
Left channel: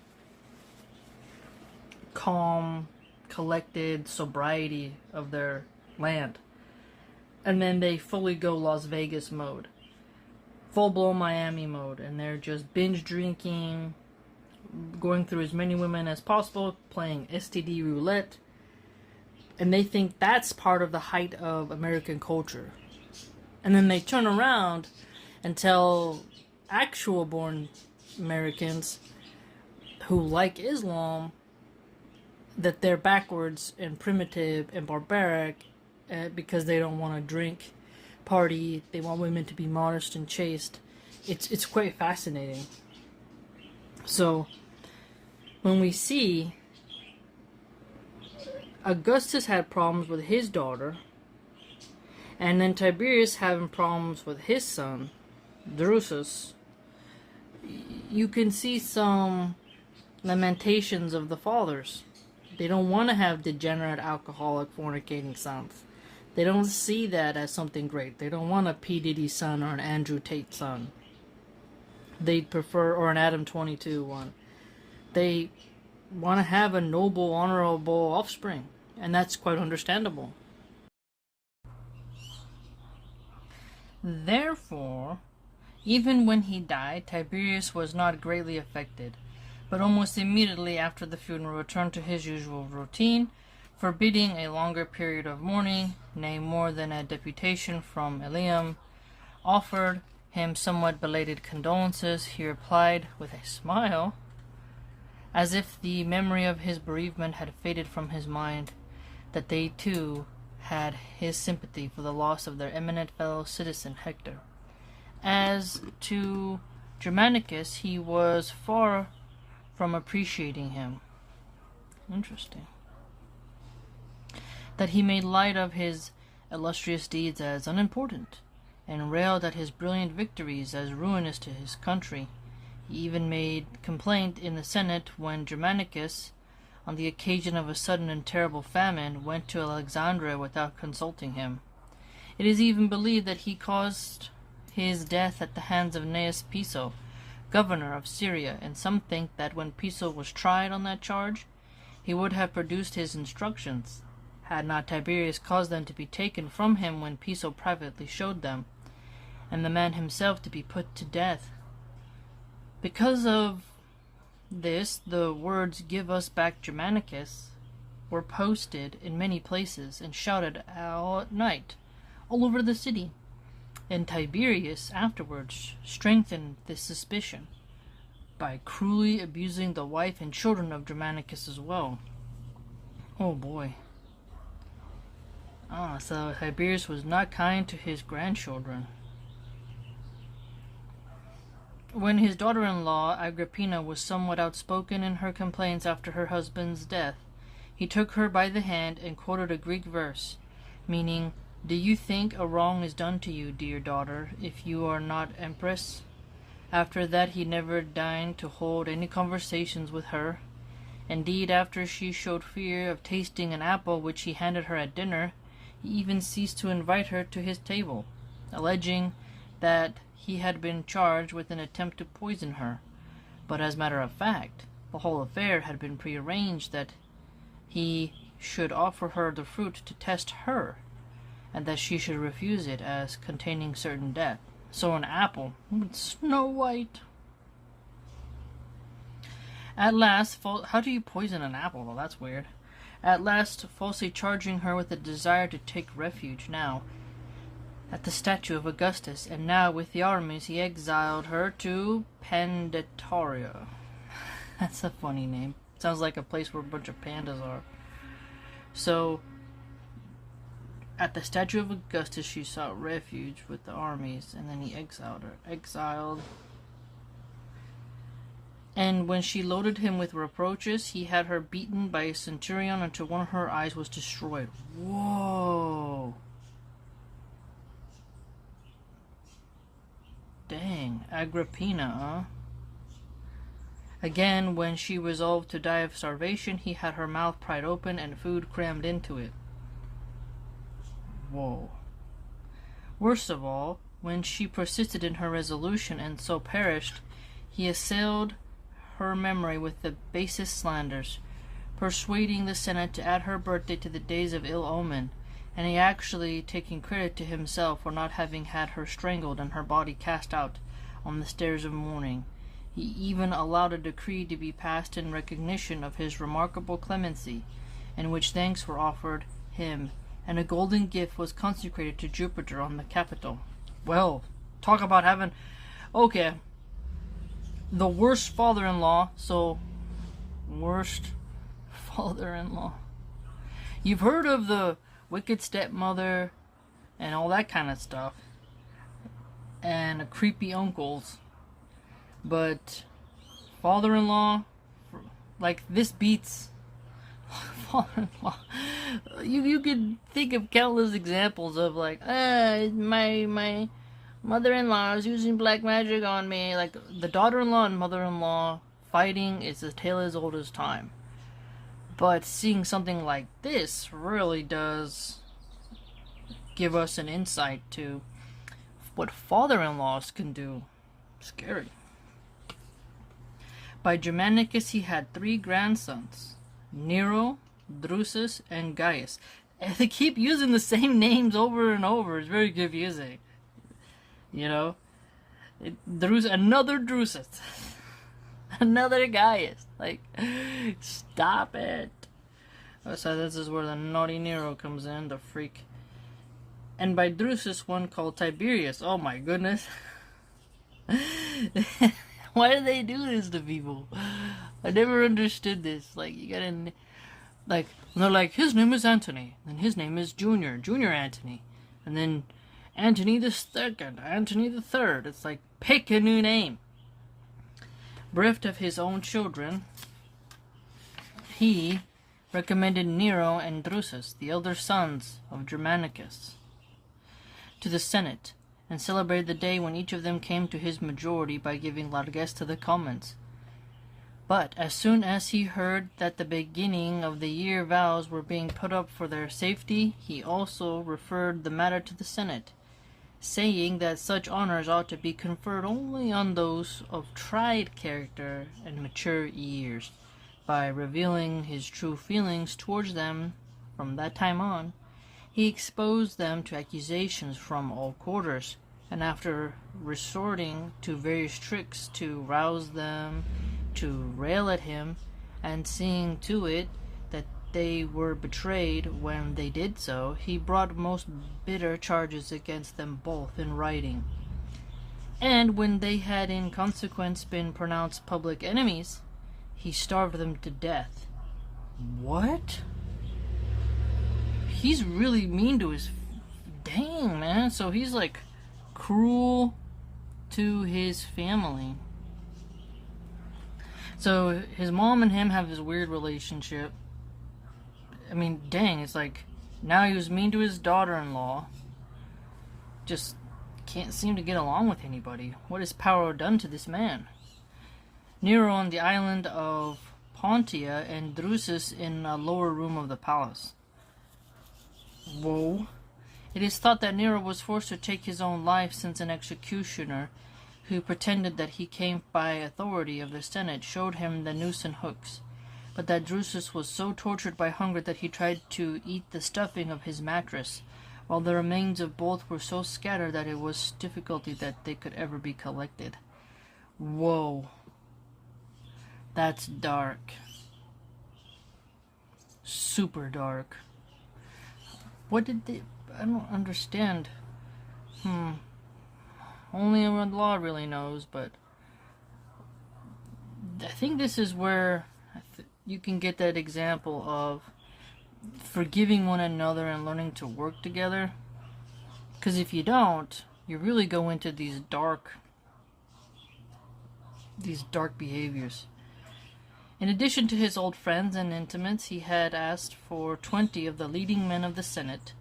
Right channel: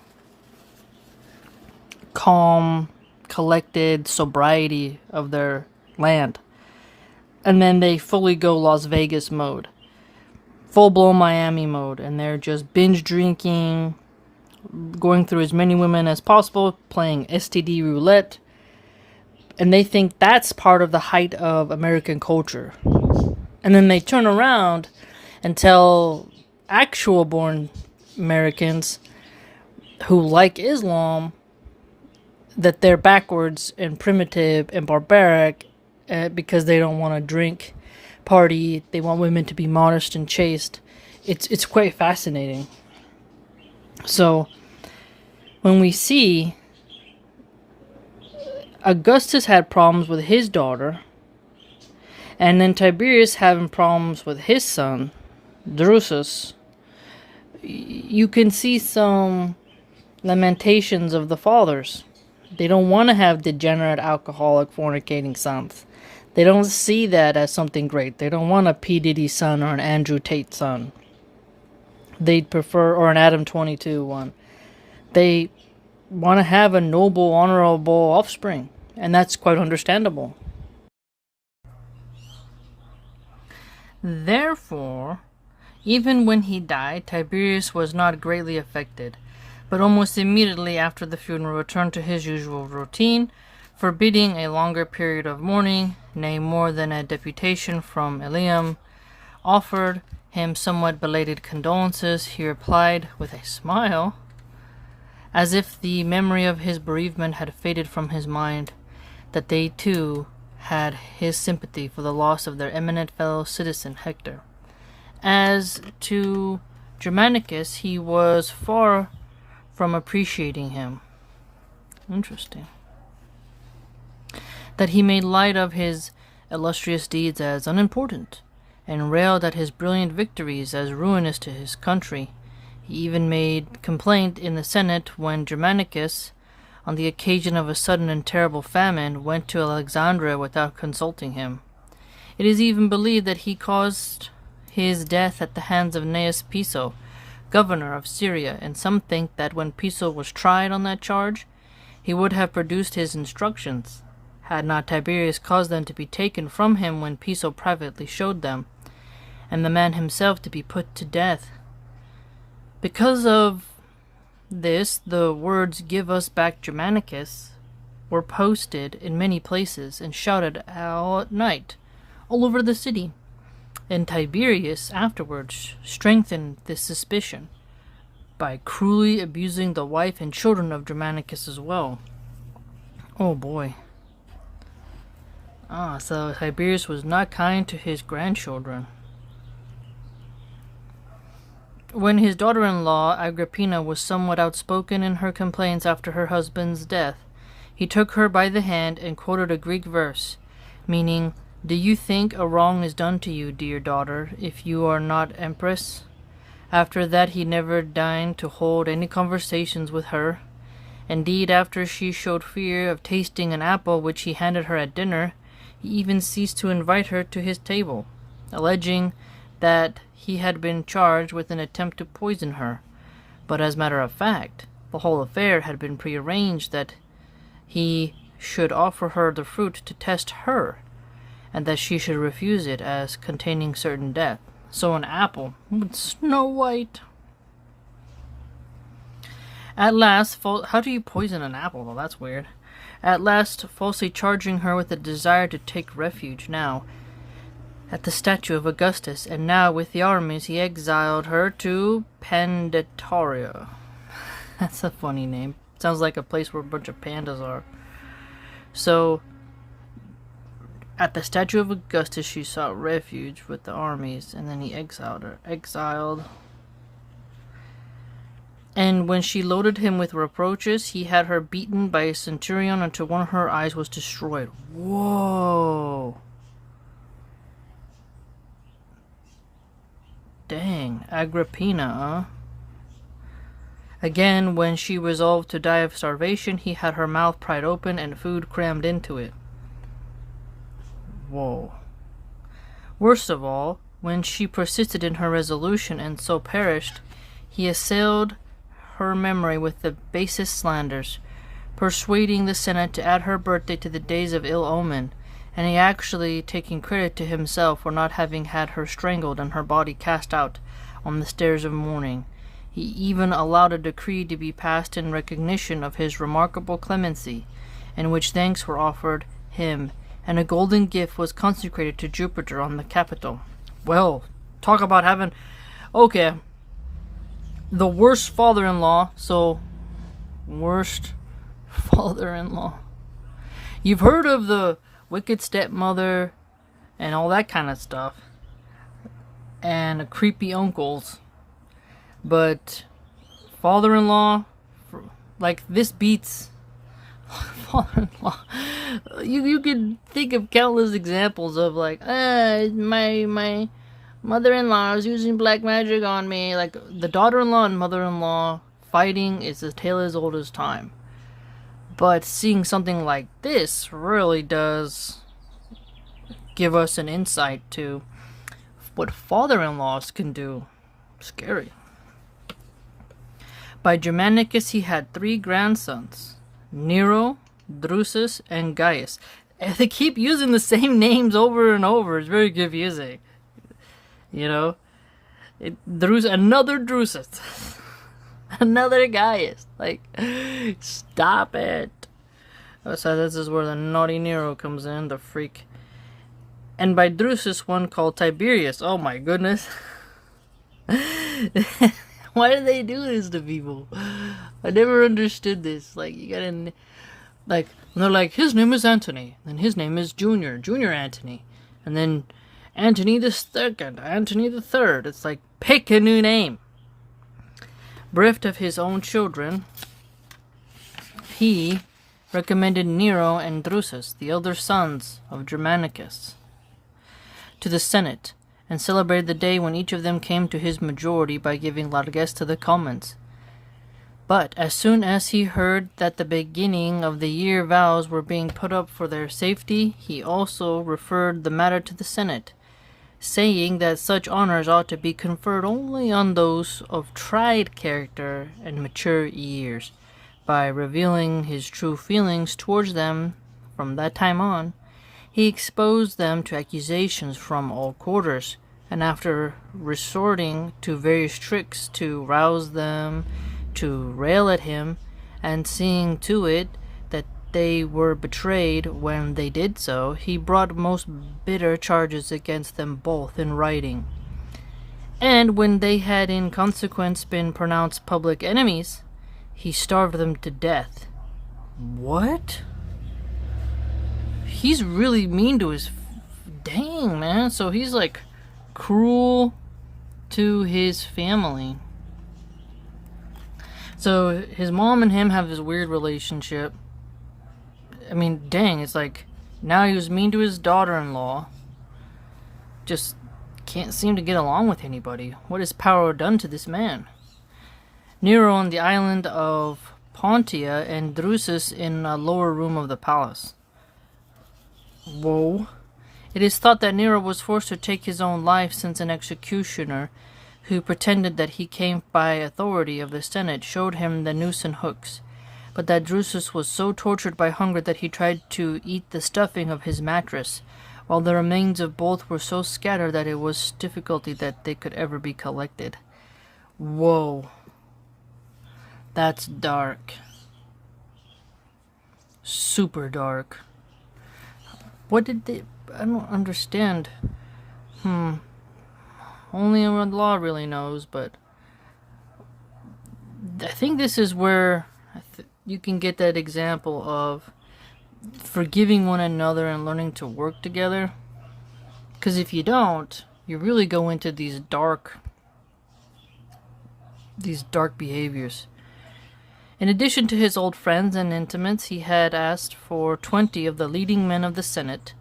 calm, collected sobriety of their land. And then they fully go Las Vegas mode. Full-blown Miami mode. And they're just binge drinking, going through as many women as possible, playing STD roulette. And they think that's part of the height of American culture. And then they turn around and tell actual born Americans who like Islam that they're backwards and primitive and barbaric because they don't want to drink, party, they want women to be modest and chaste. It's quite fascinating. So when we see Augustus had problems with his daughter, and then Tiberius having problems with his son, Drusus, you can see some lamentations of the fathers. They don't want to have degenerate, alcoholic, fornicating sons. They don't see that as something great. They don't want a P. Diddy son or an Andrew Tate son. They'd prefer, or an Adam 22 one. They want to have a noble, honorable offspring. And that's quite understandable. Therefore, even when he died, Tiberius was not greatly affected, but almost immediately after the funeral returned to his usual routine, forbidding a longer period of mourning, nay, more than a deputation from Ilium offered him somewhat belated condolences. He replied with a smile, as if the memory of his bereavement had faded from his mind, that they too had his sympathy for the loss of their eminent fellow citizen Hector. As to Germanicus, he was far from appreciating him. Interesting. That he made light of his illustrious deeds as unimportant, and railed at his brilliant victories as ruinous to his country. He even made complaint in the Senate when Germanicus, on the occasion of a sudden and terrible famine, went to Alexandria without consulting him. It is even believed that he caused his death at the hands of Gnaeus Piso, governor of Syria, and some think that when Piso was tried on that charge, he would have produced his instructions, had not Tiberius caused them to be taken from him when Piso privately showed them, and the man himself to be put to death. Because of this, the words "Give us back Germanicus" were posted in many places and shouted all at night, all over the city. And Tiberius afterwards strengthened this suspicion by cruelly abusing the wife and children of Germanicus as well. Oh boy. So Tiberius was not kind to his grandchildren. When his daughter-in-law, Agrippina, was somewhat outspoken in her complaints after her husband's death, he took her by the hand and quoted a Greek verse, meaning, "Do you think a wrong is done to you, dear daughter, if you are not empress?" After that he never deigned to hold any conversations with her. Indeed, after she showed fear of tasting an apple which he handed her at dinner, he even ceased to invite her to his table, alleging that he had been charged with an attempt to poison her. But as a matter of fact, The whole affair had been prearranged that he should offer her the fruit to test her, and that she should refuse it as containing certain death. So an apple, Snow White. At last, how do you poison an apple, though? That's weird. At last, falsely charging her with a desire to take refuge now at the statue of Augustus, and now with the armies, he exiled her to Pandatoria. That's a funny name. Sounds like a place where a bunch of pandas are. So, at the statue of Augustus, she sought refuge with the armies, and then he exiled her. And when she loaded him with reproaches, he had her beaten by a centurion until one of her eyes was destroyed. Whoa. Dang, Agrippina, huh? Again, when she resolved to die of starvation, he had her mouth pried open and food crammed into it. Whoa. Worst of all, when she persisted in her resolution and so perished, he assailed her memory with the basest slanders, persuading the Senate to add her birthday to the days of ill omen, and he actually taking credit to himself for not having had her strangled and her body cast out on the stairs of mourning. He even allowed a decree to be passed in recognition of his remarkable clemency, in which thanks were offered him, and a golden gift was consecrated to Jupiter on the Capitol. Well, talk about having... Okay. The worst father-in-law, worst father-in-law. You've heard of the wicked stepmother and all that kind of stuff, and creepy uncles. But father-in-law, like, this beats father-in-law. You could think of countless examples of, like, my mother-in-law is using black magic on me. Like, the daughter-in-law and mother-in-law fighting is a tale as old as time. But seeing something like this really does give us an insight to what father-in-laws can do. Scary. By Germanicus he had 3 grandsons, Nero, Drusus, and Gaius. And they keep using the same names over and over. It's very confusing. You know? Another Drusus. Another Gaius. Like, stop it. So this is where the naughty Nero comes in, the freak. And by Drusus, one called Tiberius. Oh my goodness. Why do they do this to people? I never understood this. Like, you gotta... Like, they're like, his name is Antony. And his name is Junior Antony. And then Antony the Second, Antony the Third. It's like, pick a new name. Bereft of his own children, he recommended Nero and Drusus, the elder sons of Germanicus, to the Senate, and celebrated the day when each of them came to his majority by giving largesse to the commons. But as soon as he heard that the beginning of the year vows were being put up for their safety, he also referred the matter to the Senate, saying that such honors ought to be conferred only on those of tried character and mature years. By revealing his true feelings towards them from that time on, he exposed them to accusations from all quarters, and after resorting to various tricks to rouse them to rail at him, and seeing to it that they were betrayed when they did so, he brought most bitter charges against them both in writing. And when they had in consequence been pronounced public enemies, he starved them to death. What? He's really mean to his... Dang, man. So he's like cruel to his family. So his mom and him have this weird relationship. I mean, dang, it's like, now he was mean to his daughter-in-law. Just can't seem to get along with anybody. What has power done to this man? Nero on the island of Pontia, and Drusus in a lower room of the palace. Whoa. It is thought that Nero was forced to take his own life, since an executioner who pretended that he came by authority of the Senate, showed him the noose and hooks, but that Drusus was so tortured by hunger that he tried to eat the stuffing of his mattress, while the remains of both were so scattered that it was difficulty that they could ever be collected. Whoa. That's dark. Super dark. What did they... I don't understand. Only the law really knows, but... I think this is where you can get that example of forgiving one another and learning to work together. Because if you don't, you really go into these dark behaviors. In addition to his old friends and intimates, he had asked for 20 of the leading men of the Senate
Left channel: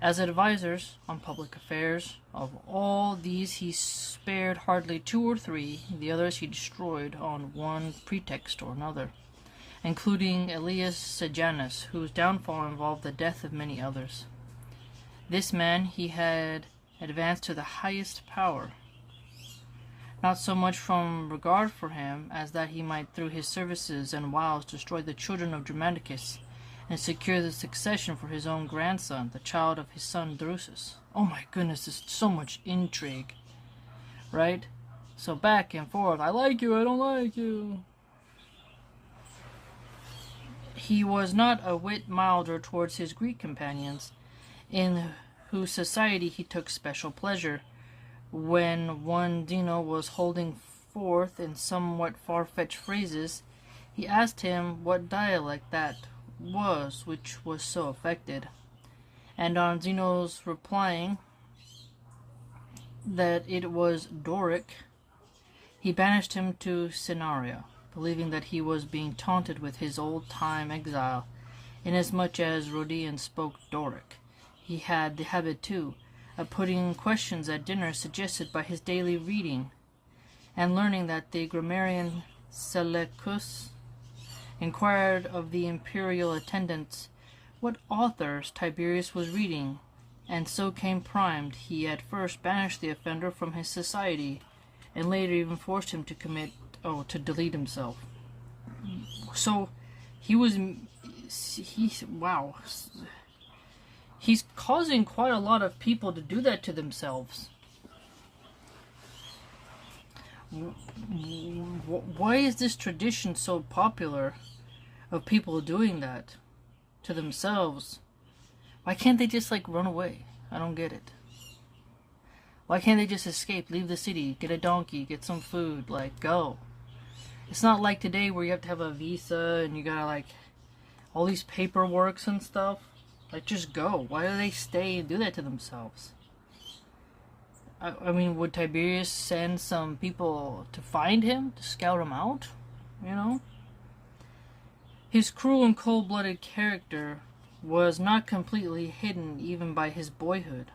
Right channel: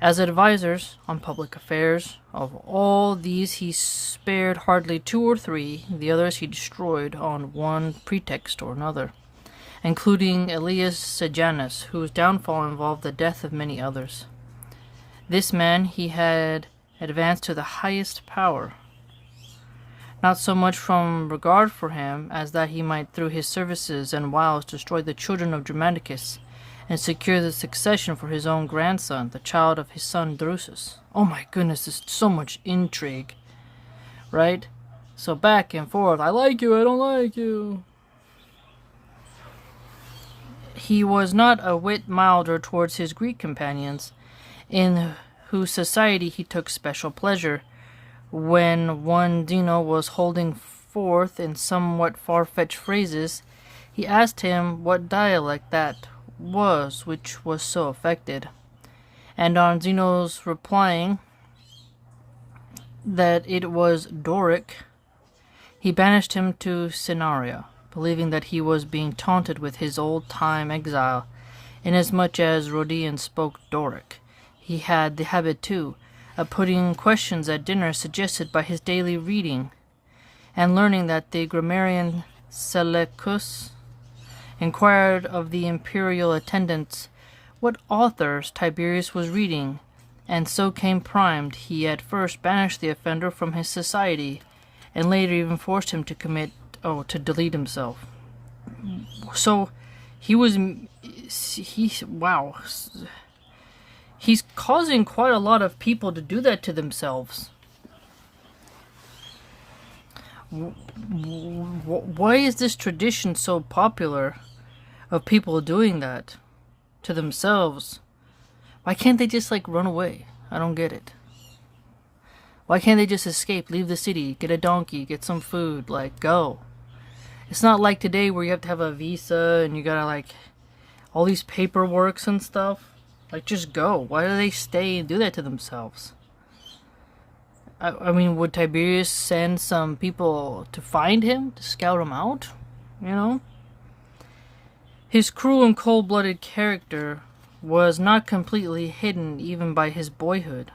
as advisors on public affairs. Of all these he spared hardly 2 or 3, the others he destroyed on one pretext or another, including Elias Sejanus, whose downfall involved the death of many others. This man he had advanced to the highest power, not so much from regard for him as that he might through his services and wiles destroy the children of Germanicus and secure the succession for his own grandson, the child of his son Drusus. Oh my goodness, there's so much intrigue, right? So back and forth, I like you, I don't like you. He was not a whit milder towards his Greek companions, in whose society he took special pleasure. When one Zeno was holding forth in somewhat far-fetched phrases, he asked him what dialect that was which was so affected, and on Zeno's replying that it was Doric, he banished him to Scenaria, believing that he was being taunted with his old-time exile, inasmuch as Rhodian spoke Doric. He had the habit, too, of putting questions at dinner suggested by his daily reading, and learning that the grammarian Seleucus inquired of the imperial attendants what authors Tiberius was reading, and so came primed. He at first banished the offender from his society, and later even forced him to to delete himself. So wow. He's causing quite a lot of people to do that to themselves. Why is this tradition so popular of people doing that to themselves? Why can't they just run away? I don't get it. Why can't they just escape, leave the city, get a donkey, get some food, go? It's not like today where you have to have a visa and you gotta all these paperworks and stuff. Just go. Why do they stay and do that to themselves? I mean, would Tiberius send some people to find him, to scout him out? His cruel and cold-blooded character was not completely hidden even by his boyhood.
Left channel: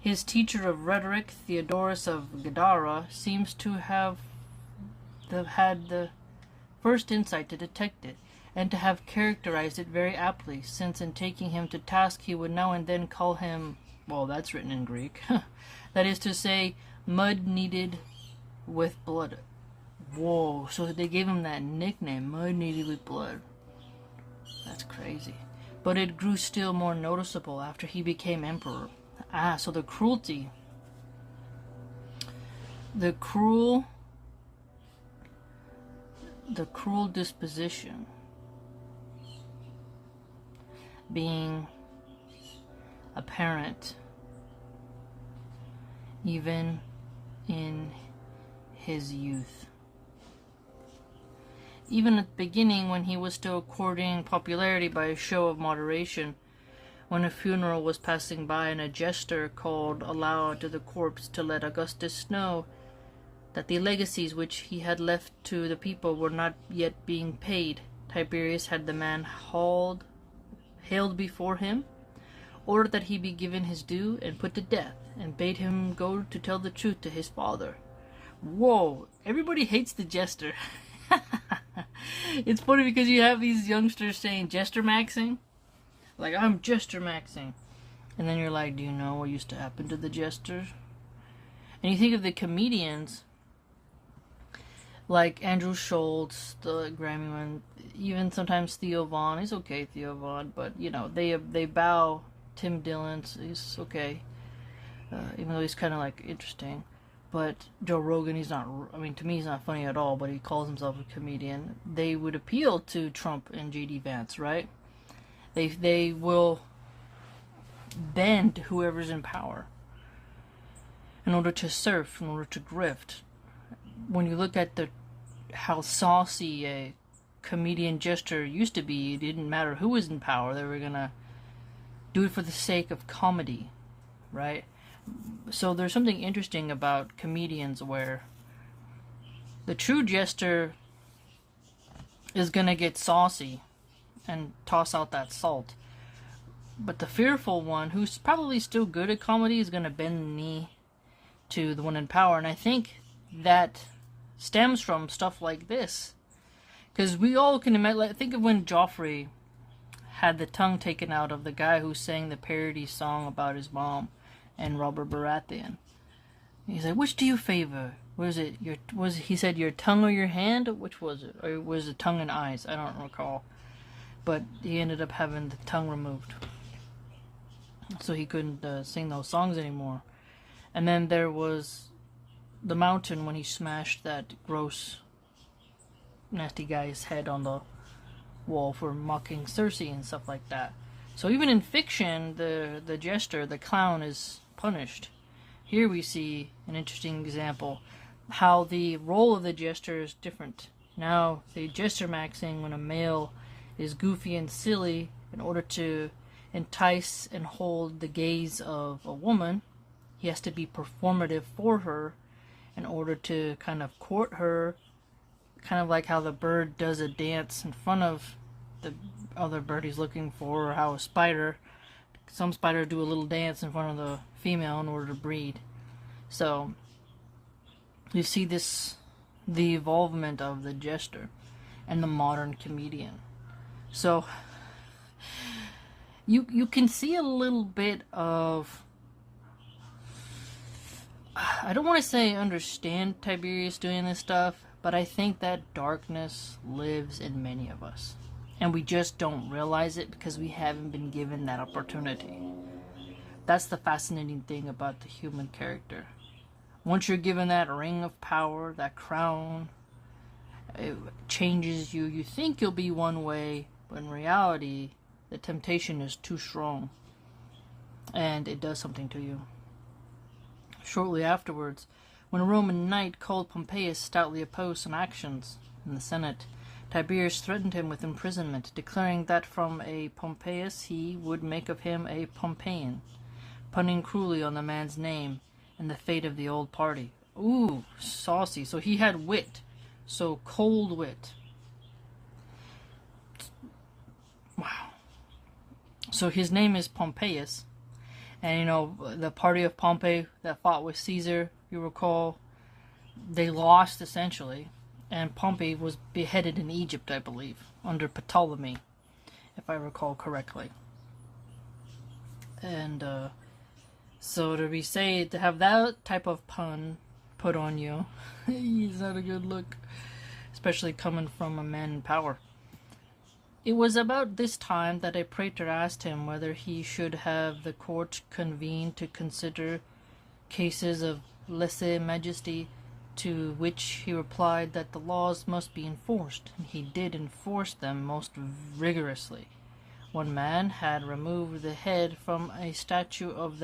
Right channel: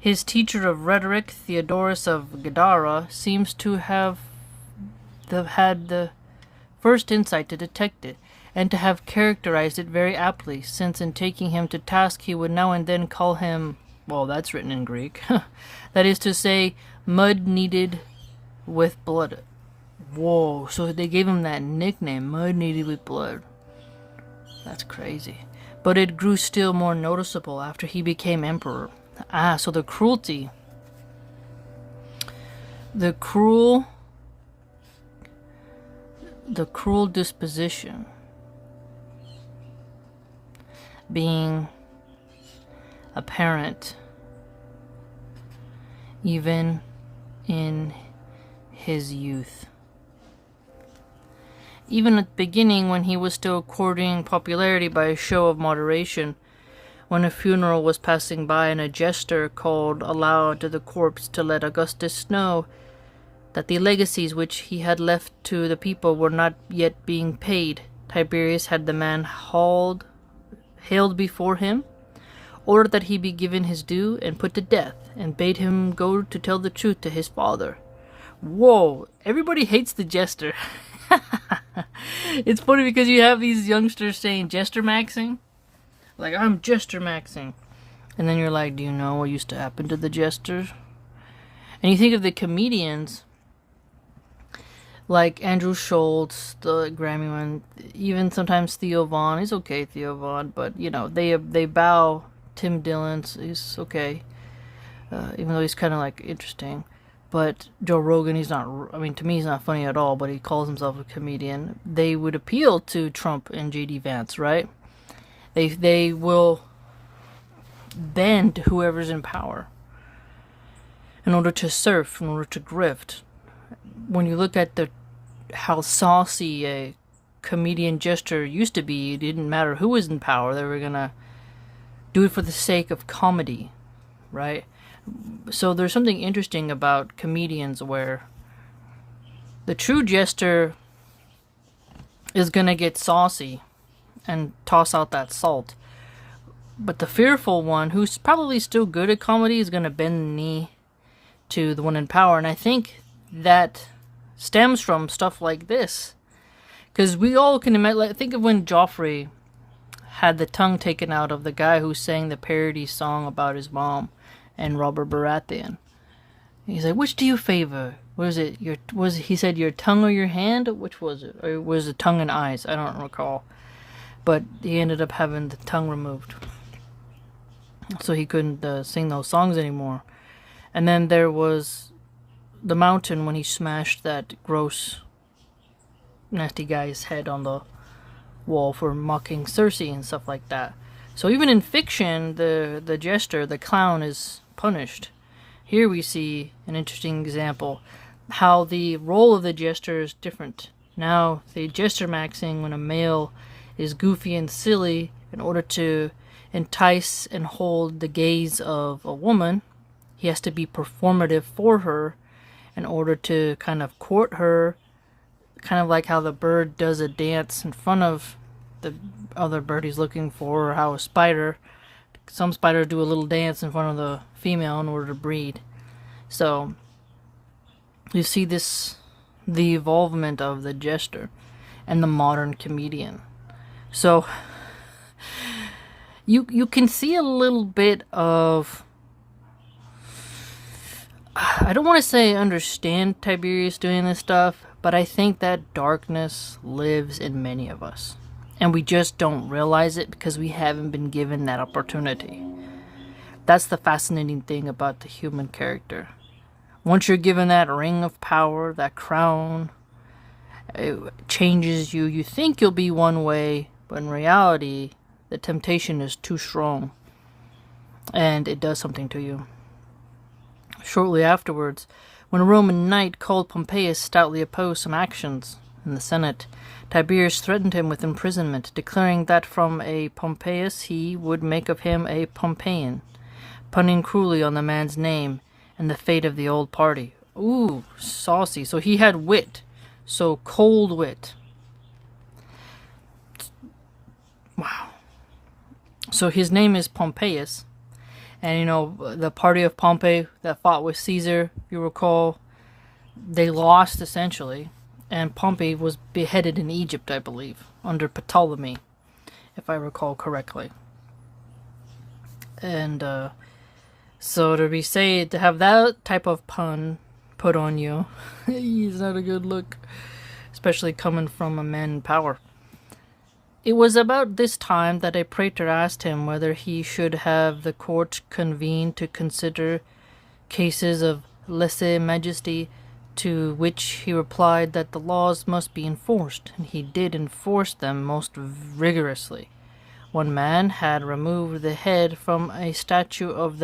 His teacher of rhetoric, Theodorus of Gadara, seems to have had the first insight to detect it, and to have characterized it very aptly, since in taking him to task he would now and then call him, well, that's written in Greek, that is to say, mud kneaded with blood. Whoa, so they gave him that nickname, mud kneaded with blood. That's crazy. But it grew still more noticeable after he became emperor. So the cruelty, the cruel disposition being apparent even in his youth. Even at the beginning, when he was still courting popularity by a show of moderation, when a funeral was passing by and a jester called aloud to the corpse to let Augustus know that the legacies which he had left to the people were not yet being paid, Tiberius had the man haled before him, ordered that he be given his due and put to death, and bade him go to tell the truth to his father. Whoa, everybody hates the jester. It's funny because you have these youngsters saying jester maxing. I'm jester maxing. And then you're like, do you know what used to happen to the jesters? And you think of the comedians like Andrew Schultz, the Grammy one, even sometimes Theo Von. He's okay, Theo Von, but you know they bow. Tim Dillon, he's okay, even though he's kind of like interesting. But Joe Rogan, he's not. I mean, to me, he's not funny at all. But he calls himself a comedian. They would appeal to Trump and J.D. Vance, right? They will bend whoever's in power in order to surf, in order to grift. When you look at how saucy a comedian jester used to be, it didn't matter who was in power. They were gonna do it for the sake of comedy, right? So there's something interesting about comedians where the true jester is gonna get saucy and toss out that salt, but the fearful one, who's probably still good at comedy, is gonna bend the knee to the one in power. And I think that stems from stuff like this, because we all can imagine. Think of when Joffrey had the tongue taken out of the guy who sang the parody song about his mom and Robert Baratheon. He's like, which do you favor? Was it he said your tongue or your hand? Which was it? Or was it tongue and eyes? I don't recall. But he ended up having the tongue removed, so he couldn't sing those songs anymore. And then there was the Mountain, when he smashed that gross, nasty guy's head on the wall for mocking Cersei and stuff like that. So even in fiction, the jester, the clown, is punished. Here we see an interesting example how the role of the jester is different. Now, the jester maxing, when a male is goofy and silly in order to entice and hold the gaze of a woman, he has to be performative for her in order to kind of court her, kind of like how the bird does a dance in front of the other bird he's looking for, or how some spiders do a little dance in front of the female in order to breed. So you see the evolvement of the jester and the modern comedian. So you can see a little bit of, I don't want to say understand Tiberius doing this stuff, but I think that darkness lives in many of us. And we just don't realize it because we haven't been given that opportunity. That's the fascinating thing about the human character. Once you're given that ring of power, that crown, it changes you. You think you'll be one way, but in reality, the temptation is too strong. And it does something to you. Shortly afterwards, when a Roman knight called Pompeius stoutly opposed some actions in the Senate, Tiberius threatened him with imprisonment, declaring that from a Pompeius he would make of him a Pompeian, punning cruelly on the man's name and the fate of the old party. Ooh, saucy. So he had wit. So cold wit. Wow. So his name is Pompeius. And, you know, the party of Pompey that fought with Caesar, you recall, they lost, essentially. And Pompey was beheaded in Egypt, I believe, under Ptolemy, if I recall correctly. And so to have that type of pun put on you, is not a good look, especially coming from a man in power. It was about this time that a praetor asked him whether he should have the court convened to consider cases of lese majesty, to which he replied that the laws must be enforced, and he did enforce them most rigorously. One man had removed the head from a statue of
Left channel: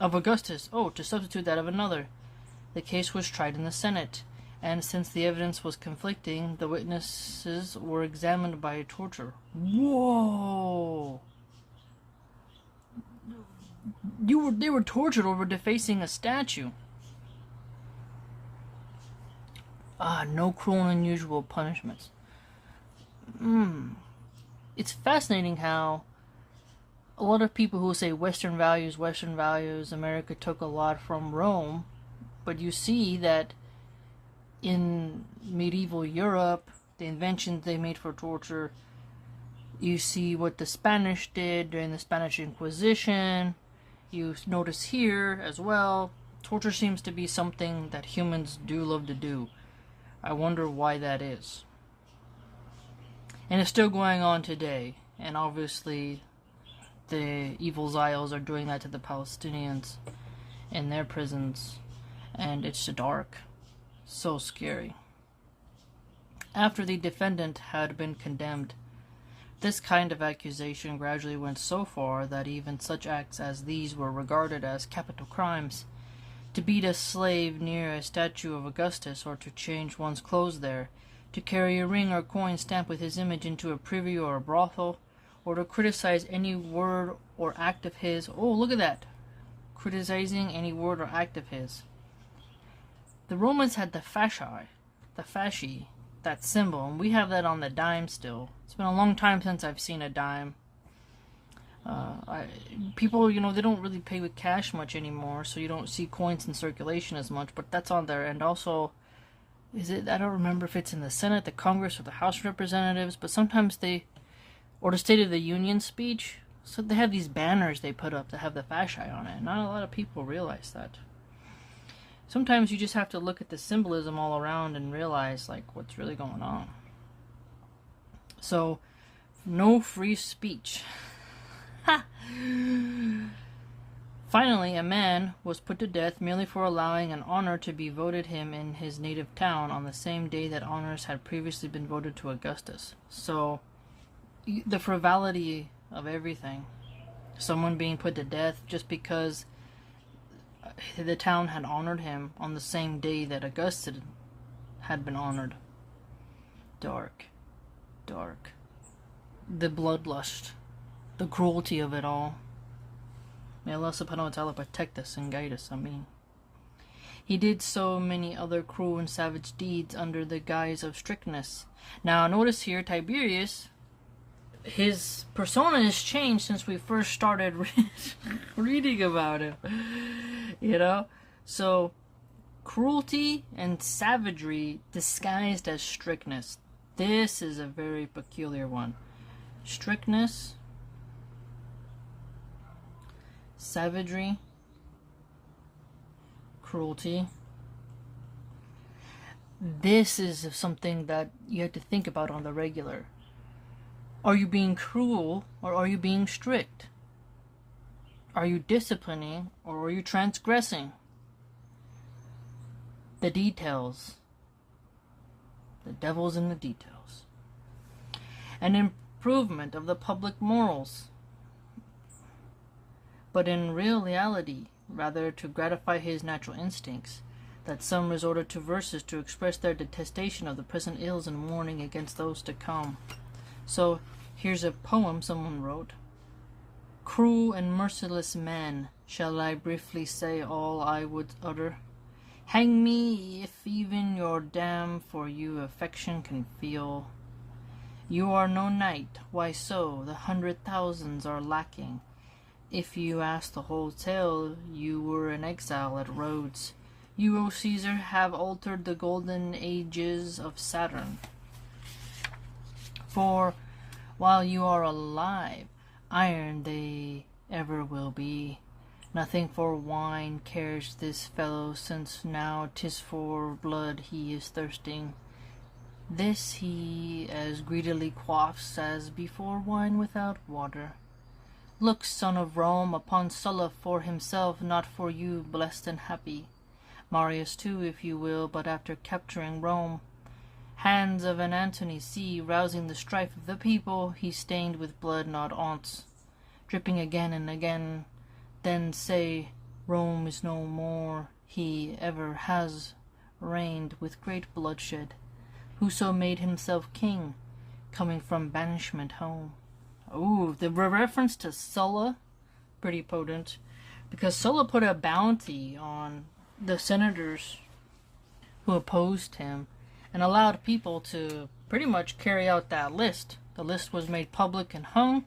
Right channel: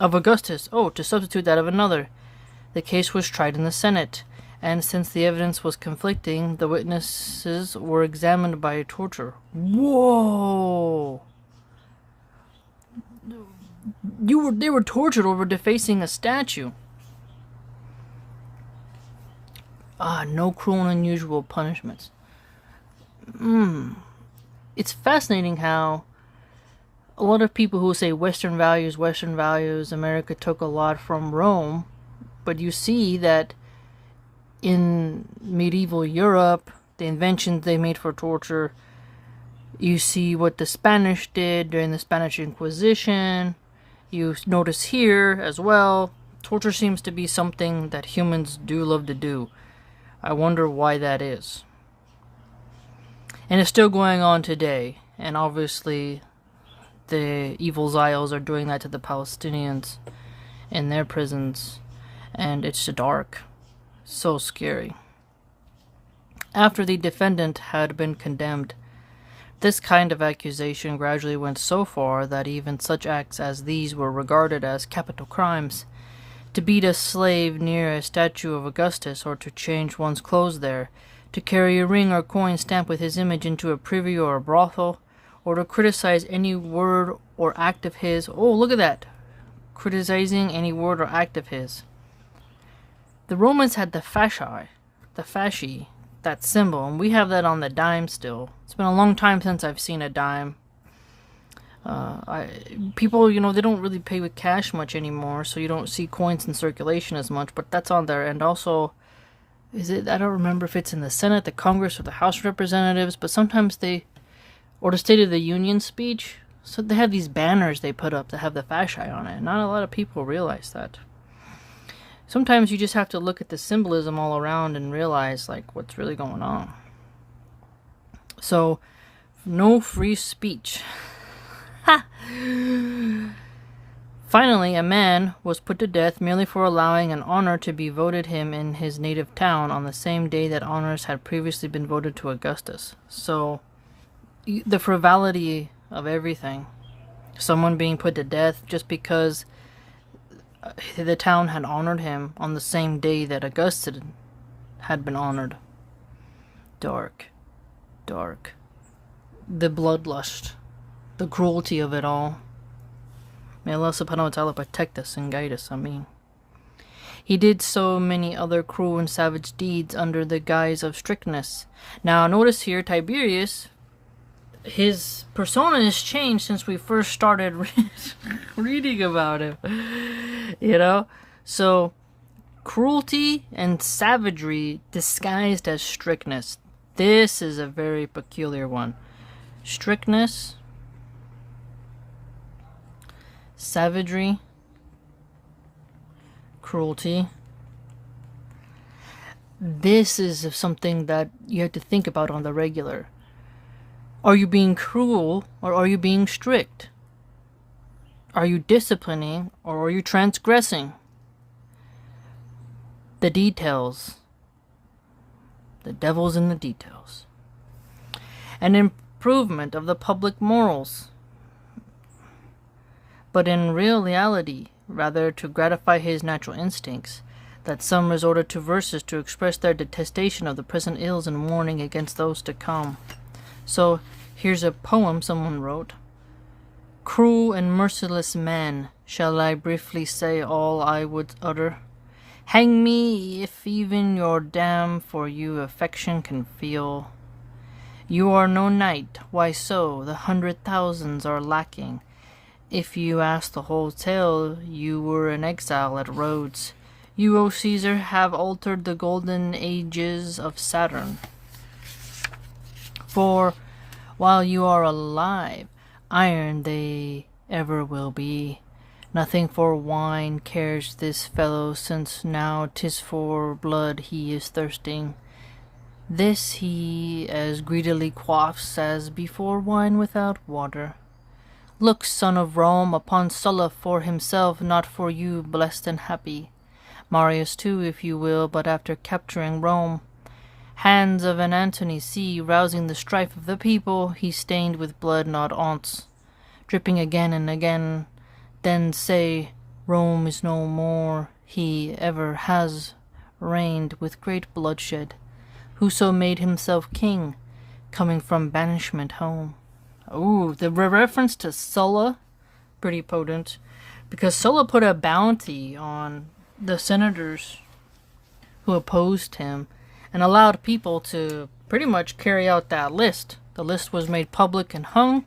Augustus, to substitute that of another. The case was tried in the Senate, and since the evidence was conflicting, the witnesses were examined by torture. Whoa! They were tortured over defacing a statue. No cruel and unusual punishments. It's fascinating how a lot of people who say Western values, America took a lot from Rome, but you see that in medieval Europe, the inventions they made for torture, you see what the Spanish did during the Spanish Inquisition, you notice here as well, Torture seems to be something that humans do love to do. I wonder why that is. And it's still going on today. And obviously, the evil Zions are doing that to the Palestinians in their prisons. And it's dark. So scary. After the defendant had been condemned, this kind of accusation gradually went so far that even such acts as these were regarded as capital crimes. To beat a slave near a statue of Augustus, or to change one's clothes there, to carry a ring or coin stamped with his image into a privy or a brothel, or to criticize any word or act of his. Oh, look at that! Criticizing any word or act of his. The Romans had the fasci, that symbol, and we have that on the dime still. It's been a long time since I've seen a dime. People, they don't really pay with cash much anymore, so you don't see coins in circulation as much, but that's on there. And also, I don't remember if it's in the Senate, the Congress, or the House of Representatives, but sometimes or the State of the Union speech, so they have these banners they put up that have the fasci on it. Not a lot of people realize that. Sometimes you just have to look at the symbolism all around and realize, what's really going on. So, no free speech. Ha! Finally, a man was put to death merely for allowing an honor to be voted him in his native town on the same day that honors had previously been voted to Augustus. So, the frivolity of everything. Someone being put to death just because the town had honored him on the same day that Augustus had been honored. Dark. Dark. The bloodlust. The cruelty of it all. May Allah subhanahu wa ta'ala protect us and guide us, Ameen. He did so many other cruel and savage deeds under the guise of strictness. Now notice here, Tiberius, his persona has changed since we first started reading about him. So cruelty and savagery disguised as strictness. This is a very peculiar one. Strictness, savagery, cruelty. This is something that you have to think about on the regular. Are you being cruel or are you being strict? Are you disciplining or are you transgressing? The details. The devil's in the details. An improvement of the public morals. But in reality, rather to gratify his natural instincts, that some resorted to verses to express their detestation of the present ills and warning against those to come. So, here's a poem someone wrote. Cruel and merciless man, shall I briefly say all I would utter? Hang me if even your dam for you affection can feel. You are no knight, why so? The 100,000s are lacking. If you ask the whole tale, you were in exile at Rhodes. You, O Caesar, have altered the golden ages of Saturn. For while you are alive, iron they ever will be. Nothing for wine cares this fellow, since now 'tis for blood he is thirsting. This he as greedily quaffs as before wine without water. Look, son of Rome, upon Sulla for himself, not for you, blessed and happy. Marius too, if you will, but after capturing Rome. Hands of an Antony see, rousing the strife of the people, he stained with blood not aunts, dripping again and again, then say, Rome is no more, he ever has reigned with great bloodshed, whoso made himself king, coming from banishment home. Ooh, the reference to Sulla, pretty potent, because Sulla put a bounty on the senators who opposed him, and allowed people to pretty much carry out that list. The list was made public and hung.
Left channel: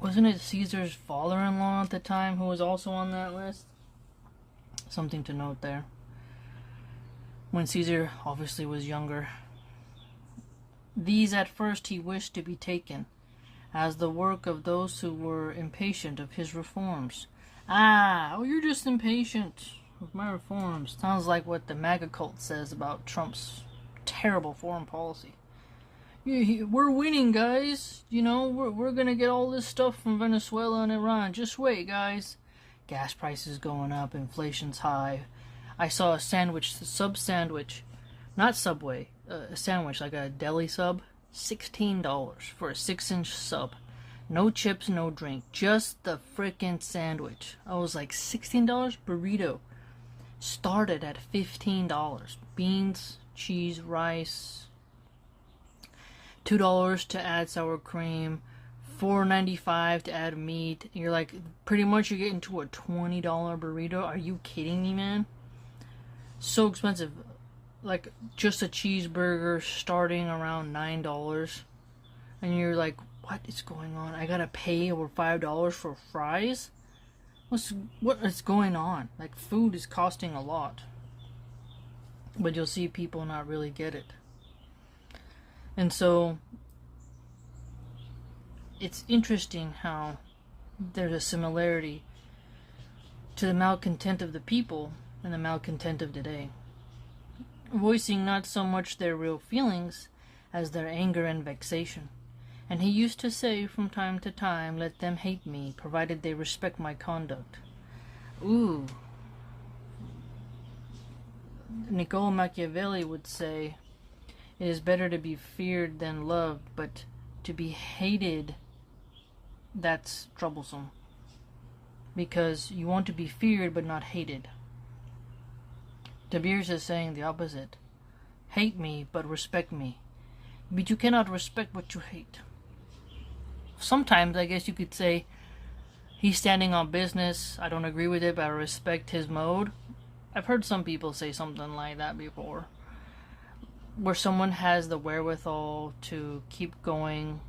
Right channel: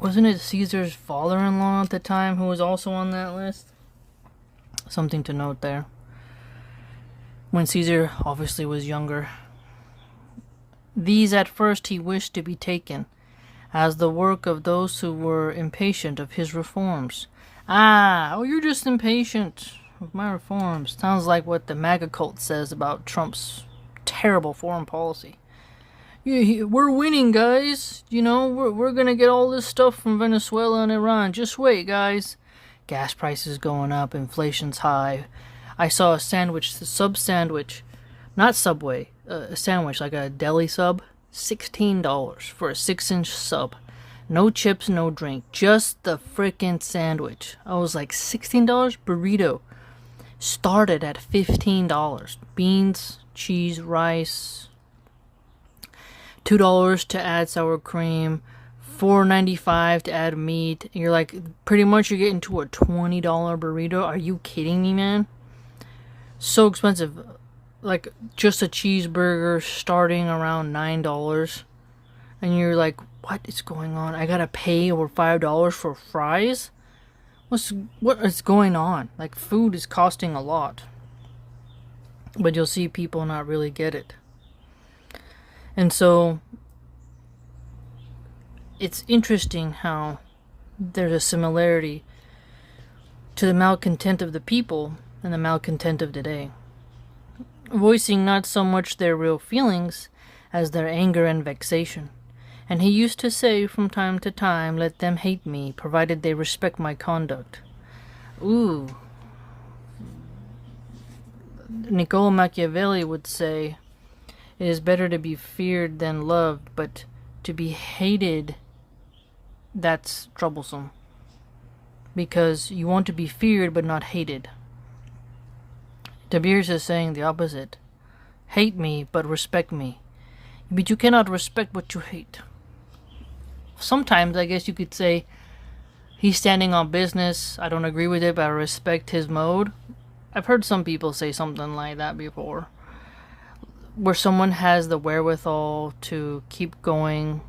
Wasn't it Caesar's father-in-law at the time who was also on that list? Something to note there. When Caesar obviously was younger. These at first he wished to be taken, as the work of those who were impatient of his reforms. Ah, oh, you're just impatient of my reforms. Sounds like what the MAGA cult says about Trump's terrible foreign policy. We're winning, guys. You know, we're gonna get all this stuff from Venezuela and Iran. Just wait, guys. Gas prices going up, inflation's high. I saw a sub sandwich, not Subway, a sandwich like a deli sub, $16 for a 6-inch sub. No chips, no drink, just the frickin' sandwich. I was like, $16? Burrito started at $15. Beans, cheese, rice, $2 to add sour cream, $4.95 to add meat. You're like, pretty much you're getting to a $20 burrito. Are you kidding me, man? So expensive. Like, just a cheeseburger starting around $9. And you're like, what is going on? I gotta pay over $5 for fries? What is going on? Like, food is costing a lot. But you'll see people not really get it. And so, it's interesting how there's a similarity to the malcontent of the people and the malcontent of today, voicing not so much their real feelings as their anger and vexation. And he used to say from time to time, let them hate me, provided they respect my conduct. Ooh. Niccolo Machiavelli would say, it is better to be feared than loved, but to be hated, that's troublesome. Because you want to be feared but not hated. Tiberius is saying the opposite. Hate me, but respect me. But you cannot respect what you hate. Sometimes, I guess you could say, he's standing on business, I don't agree with it, but I respect his mode. I've heard some people say something like that before. Where someone has the wherewithal to keep going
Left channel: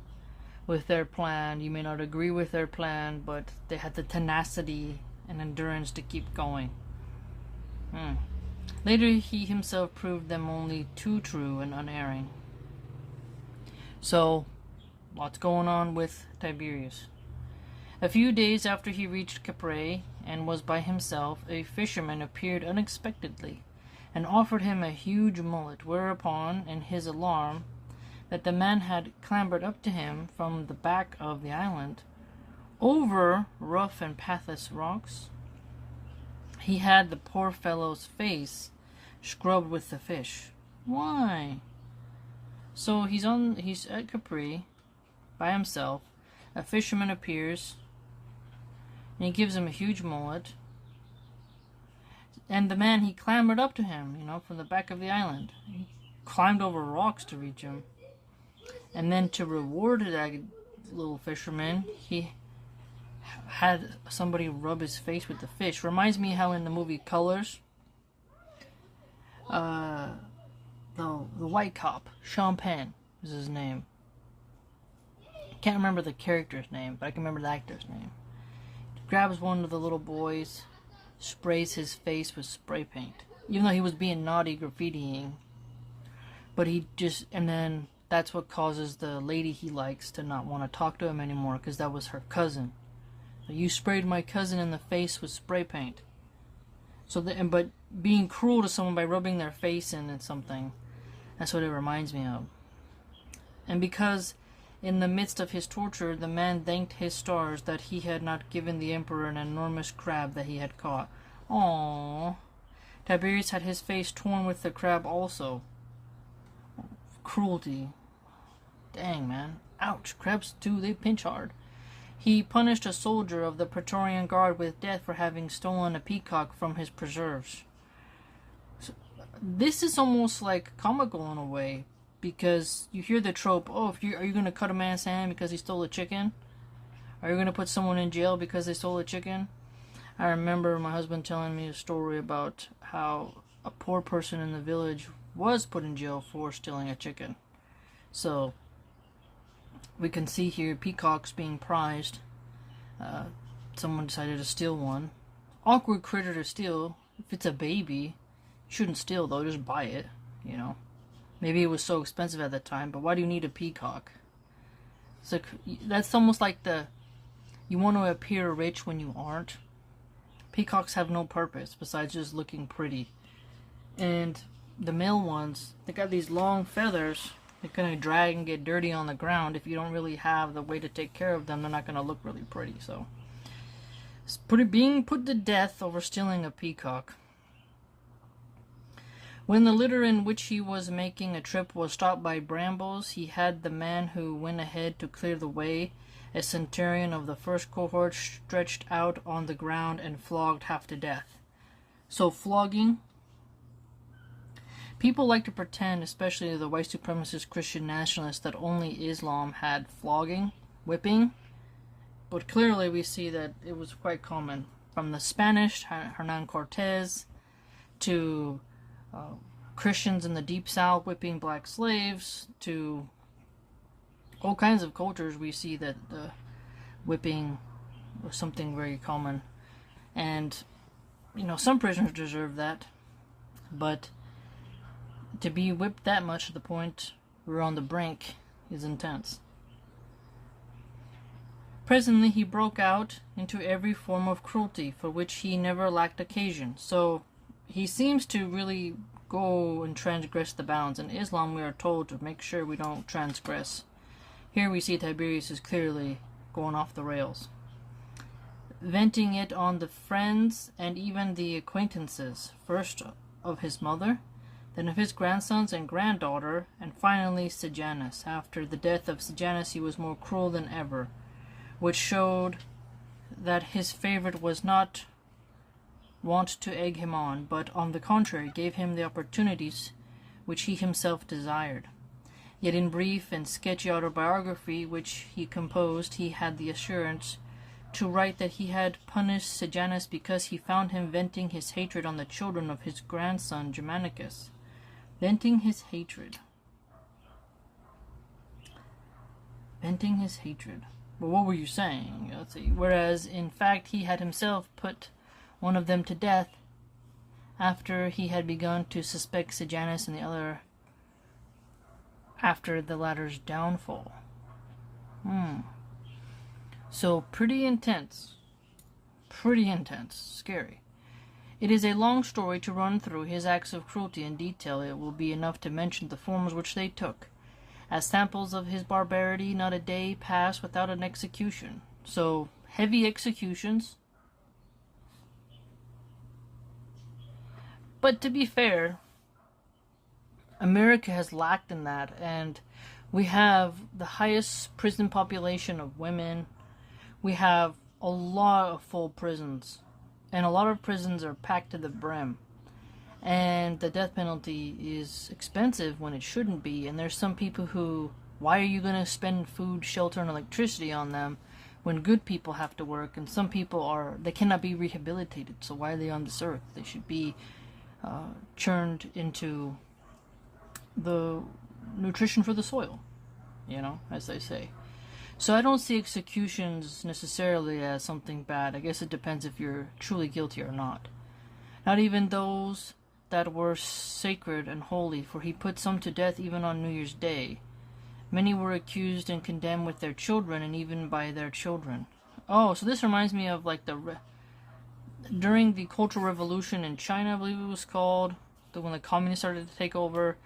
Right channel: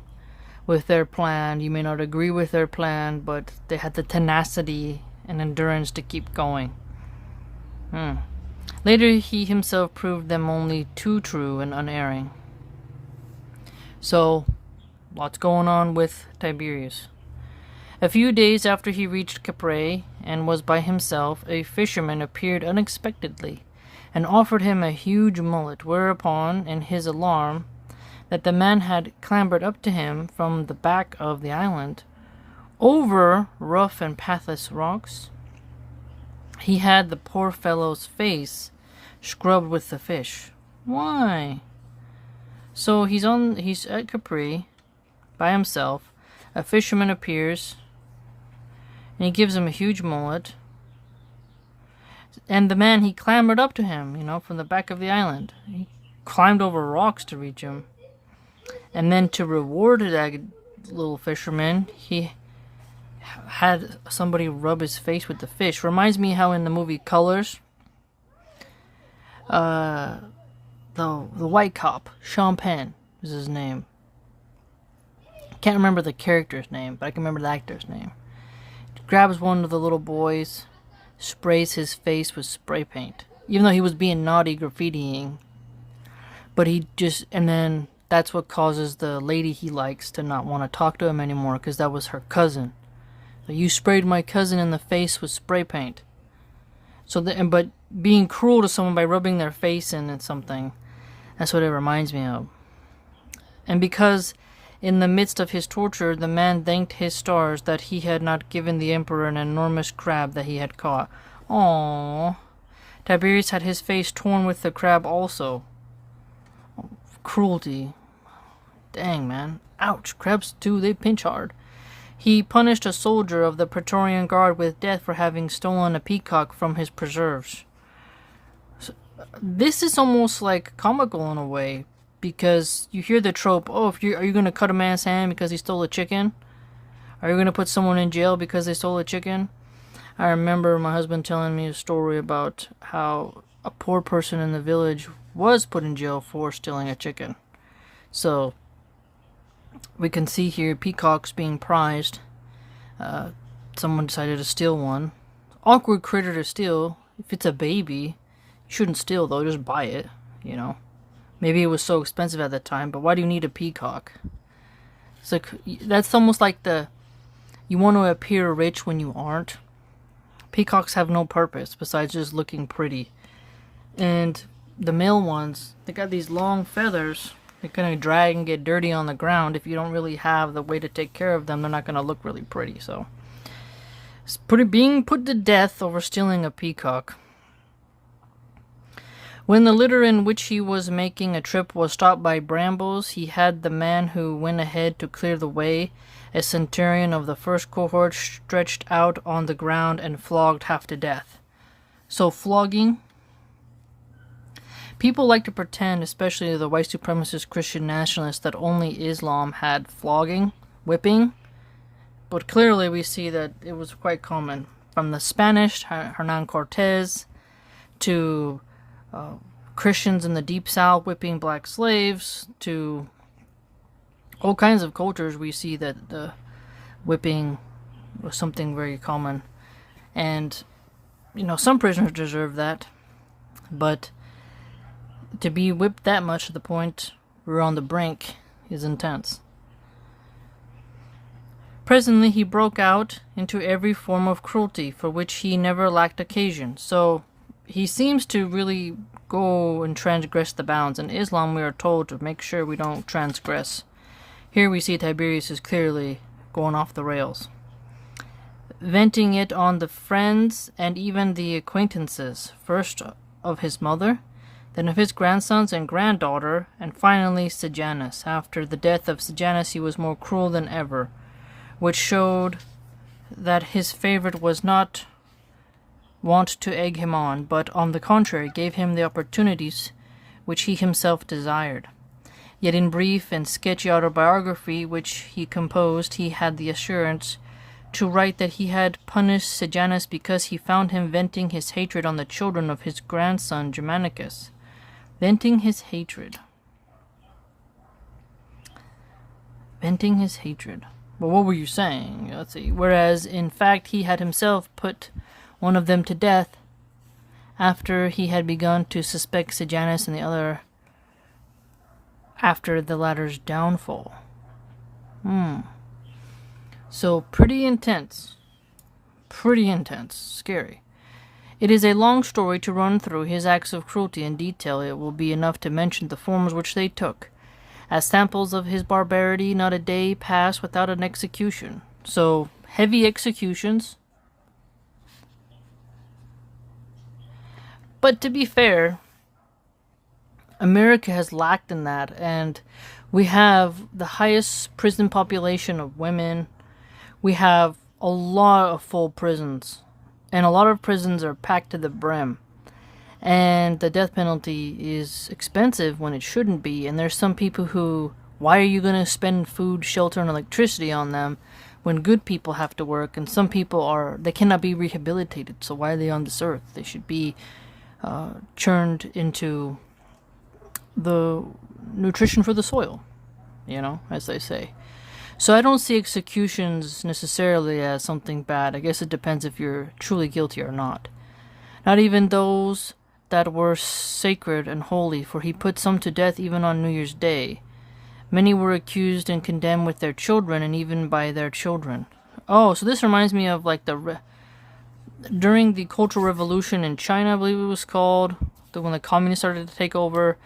with their plan. You may not agree with their plan, but they had the tenacity and endurance to keep going. Later, he himself proved them only too true and unerring. So, lots going on with Tiberius. A few days after he reached Capri and was by himself, a fisherman appeared unexpectedly and offered him a huge mullet, whereupon, in his alarm that the man had clambered up to him from the back of the island, over rough and pathless rocks, he had the poor fellow's face scrubbed with the fish. Why? So he's at Capri by himself. A fisherman appears and he gives him a huge mullet. And the man, he clambered up to him, from the back of the island. He climbed over rocks to reach him. And then to reward that little fisherman, he had somebody rub his face with the fish. Reminds me how in the movie Colors, the white cop, Sean Penn is his name. Can't remember the character's name, but I can remember the actor's name. Grabs one of the little boys, sprays his face with spray paint, even though he was being naughty graffitiing. But and then that's what causes the lady he likes to not want to talk to him anymore, because that was her cousin. So you sprayed my cousin in the face with spray paint. But being cruel to someone by rubbing their face in something, that's what it reminds me of. And because in the midst of his torture, the man thanked his stars that he had not given the emperor an enormous crab that he had caught. Aww. Tiberius had his face torn with the crab also. Cruelty. Dang, man. Ouch. Crabs, too, they pinch hard. He punished a soldier of the Praetorian Guard with death for having stolen a peacock from his preserves. So, this is almost like comical in a way, because you hear the trope, are you going to cut a man's hand because he stole a chicken? Are you going to put someone in jail because they stole a chicken? I remember my husband telling me a story about how a poor person in the village was put in jail for stealing a chicken. So, we can see here peacocks being prized. Someone decided to steal one. Awkward critter to steal. If it's a baby, you shouldn't steal though, just buy it, Maybe it was so expensive at the time, but why do you need a peacock? So that's almost like you want to appear rich when you aren't. Peacocks have no purpose besides just looking pretty. And the male ones, they got these long feathers. They're going to drag and get dirty on the ground. If you don't really have the way to take care of them, they're not going to look really pretty. So, being put to death over stealing a peacock. When the litter in which he was making a trip was stopped by brambles, he had the man who went ahead to clear the way, a centurion of the first cohort, stretched out on the ground and flogged half to death. So flogging, people like to pretend, especially the white supremacist Christian nationalists, that only Islam had flogging, whipping, but clearly we see that it was quite common. From the Spanish, Hernan Cortez, to Christians in the Deep South whipping black slaves, to all kinds of cultures, we see that the whipping was something very common. And, some prisoners deserve that. But to be whipped that much to the point we're on the brink is intense. Presently he broke out into every form of cruelty for which he never lacked occasion. So he seems to really go and transgress the bounds. In Islam we are told to make sure we don't transgress. Here we see Tiberius is clearly going off the rails, venting it on the friends and even the acquaintances, first of his mother, then of his grandsons and granddaughter, and finally Sejanus. After the death of Sejanus he was more cruel than ever, which showed that his favorite was not wont to egg him on, but on the contrary gave him the opportunities which he himself desired. Yet in brief and sketchy autobiography which he composed, he had the assurance to write that he had punished Sejanus because he found him venting his hatred on the children of his grandson Germanicus. Venting his hatred. Venting his hatred. Well, what were you saying? Let's see. Whereas, in fact, he had himself put one of them to death after he had begun to suspect Sejanus and the other after the latter's downfall. So, pretty intense. Pretty intense. Scary. It is a long story to run through his acts of cruelty in detail. It will be enough to mention the forms which they took. As samples of his barbarity, not a day passed without an execution. So, heavy executions. But to be fair, America has lacked in that, and we have the highest prison population of women. We have a lot of full prisons, and a lot of prisons are packed to the brim. And the death penalty is expensive when it shouldn't be, and there's some people who, why are you going to spend food, shelter, and electricity on them when good people have to work, and some people they cannot be rehabilitated, so why are they on this earth? They should be churned into the nutrition for the soil, as they say. So I don't see executions necessarily as something bad. I guess it depends if you're truly guilty or not. Not even those that were sacred and holy, for he put some to death even on New Year's Day. Many were accused and condemned with their children, and even by their children. Oh, so this reminds me of like during the Cultural Revolution in China, I believe it was called, when the communists started to take over.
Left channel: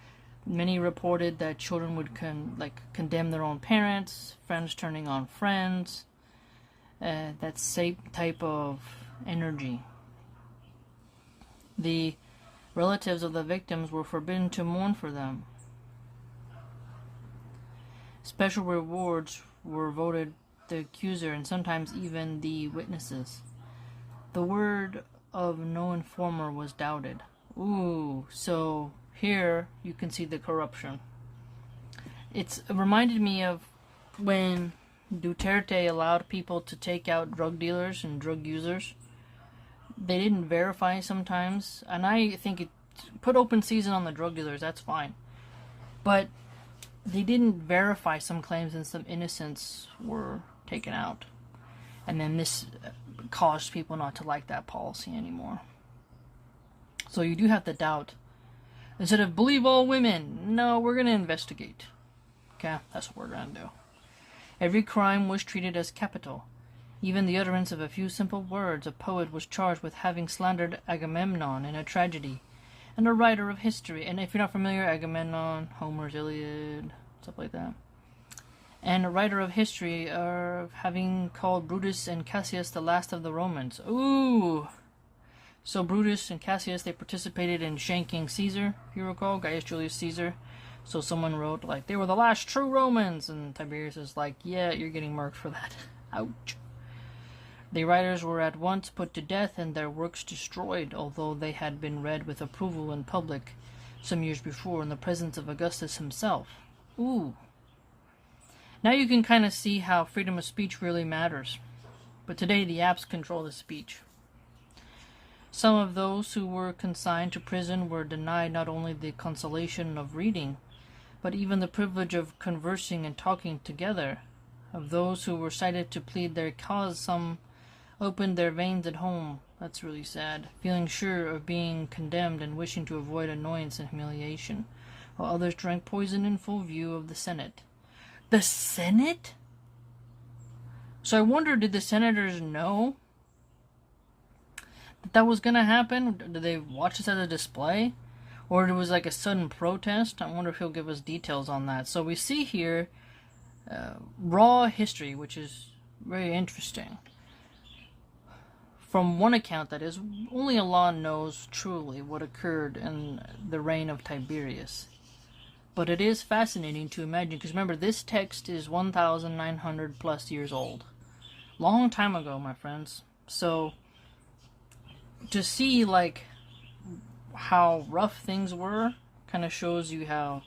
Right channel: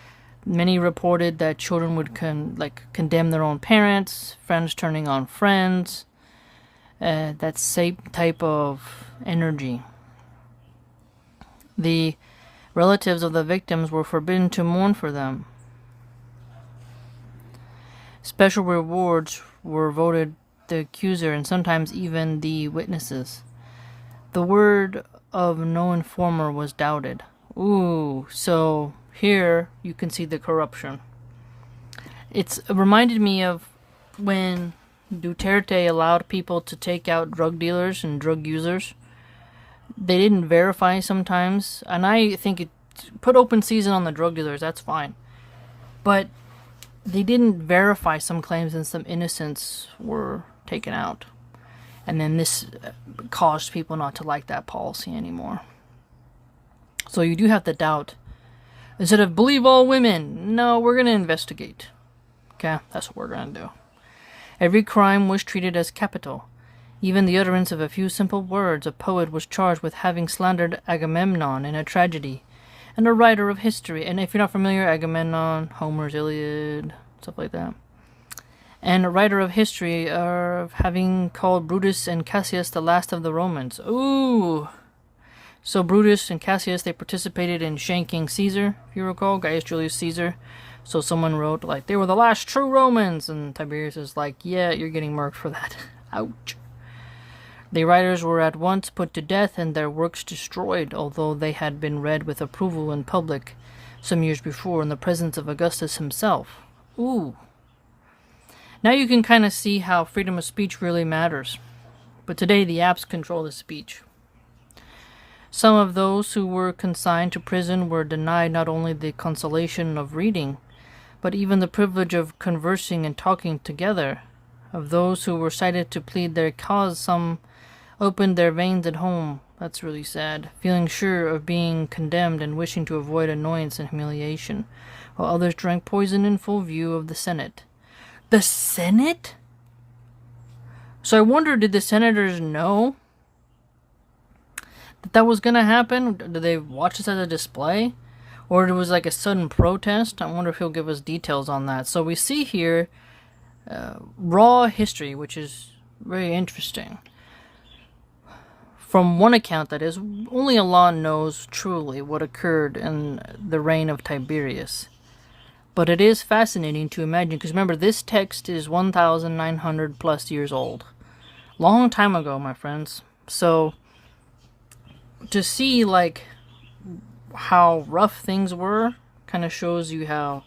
Many reported that children would condemn their own parents, friends turning on friends. That same type of energy. The relatives of the victims were forbidden to mourn for them. Special rewards were voted the accuser and sometimes even the witnesses. The word of no informer was doubted. Ooh, so here you can see the corruption. It reminded me of when Duterte allowed people to take out drug dealers and drug users. They didn't verify sometimes, and I think put open season on the drug dealers, that's fine. But they didn't verify some claims, and some innocents were taken out. And then this caused people not to like that policy anymore. So you do have to doubt. Instead of believe all women, no, we're going to investigate. Okay, that's what we're going to do. Every crime was treated as capital. Even the utterance of a few simple words, a poet was charged with having slandered Agamemnon in a tragedy, and a writer of history, and if you're not familiar, Agamemnon, Homer's Iliad, stuff like that, and a writer of history of having called Brutus and Cassius the last of the Romans. Ooh! So Brutus and Cassius, they participated in shanking Caesar, if you recall, Gaius Julius Caesar. So someone wrote, like, they were the last true Romans, and Tiberius is like, yeah, you're getting murked for that. Ouch. The writers were at once put to death and their works destroyed, although they had been read with approval in public some years before in the presence of Augustus himself. Ooh. Now you can kind of see how freedom of speech really matters. But today the apps control the speech. Some of those who were consigned to prison were denied not only the consolation of reading, but even the privilege of conversing and talking together. Of those who were cited to plead their cause, some opened their veins at home. That's really sad. Feeling sure of being condemned and wishing to avoid annoyance and humiliation, while others drank poison in full view of the Senate. The Senate? So I wonder, did the senators know that was going to happen? Did they watch this as a display? Or it was like a sudden protest? I wonder if he'll give us details on that. So we see here raw history, which is very interesting. From one account, that is, only Allah knows truly what occurred in the reign of Tiberius. But it is fascinating to imagine, because remember, this text is 1,900 plus years old. Long time ago, my friends. So, to see, like, how rough things were, kind of shows you how,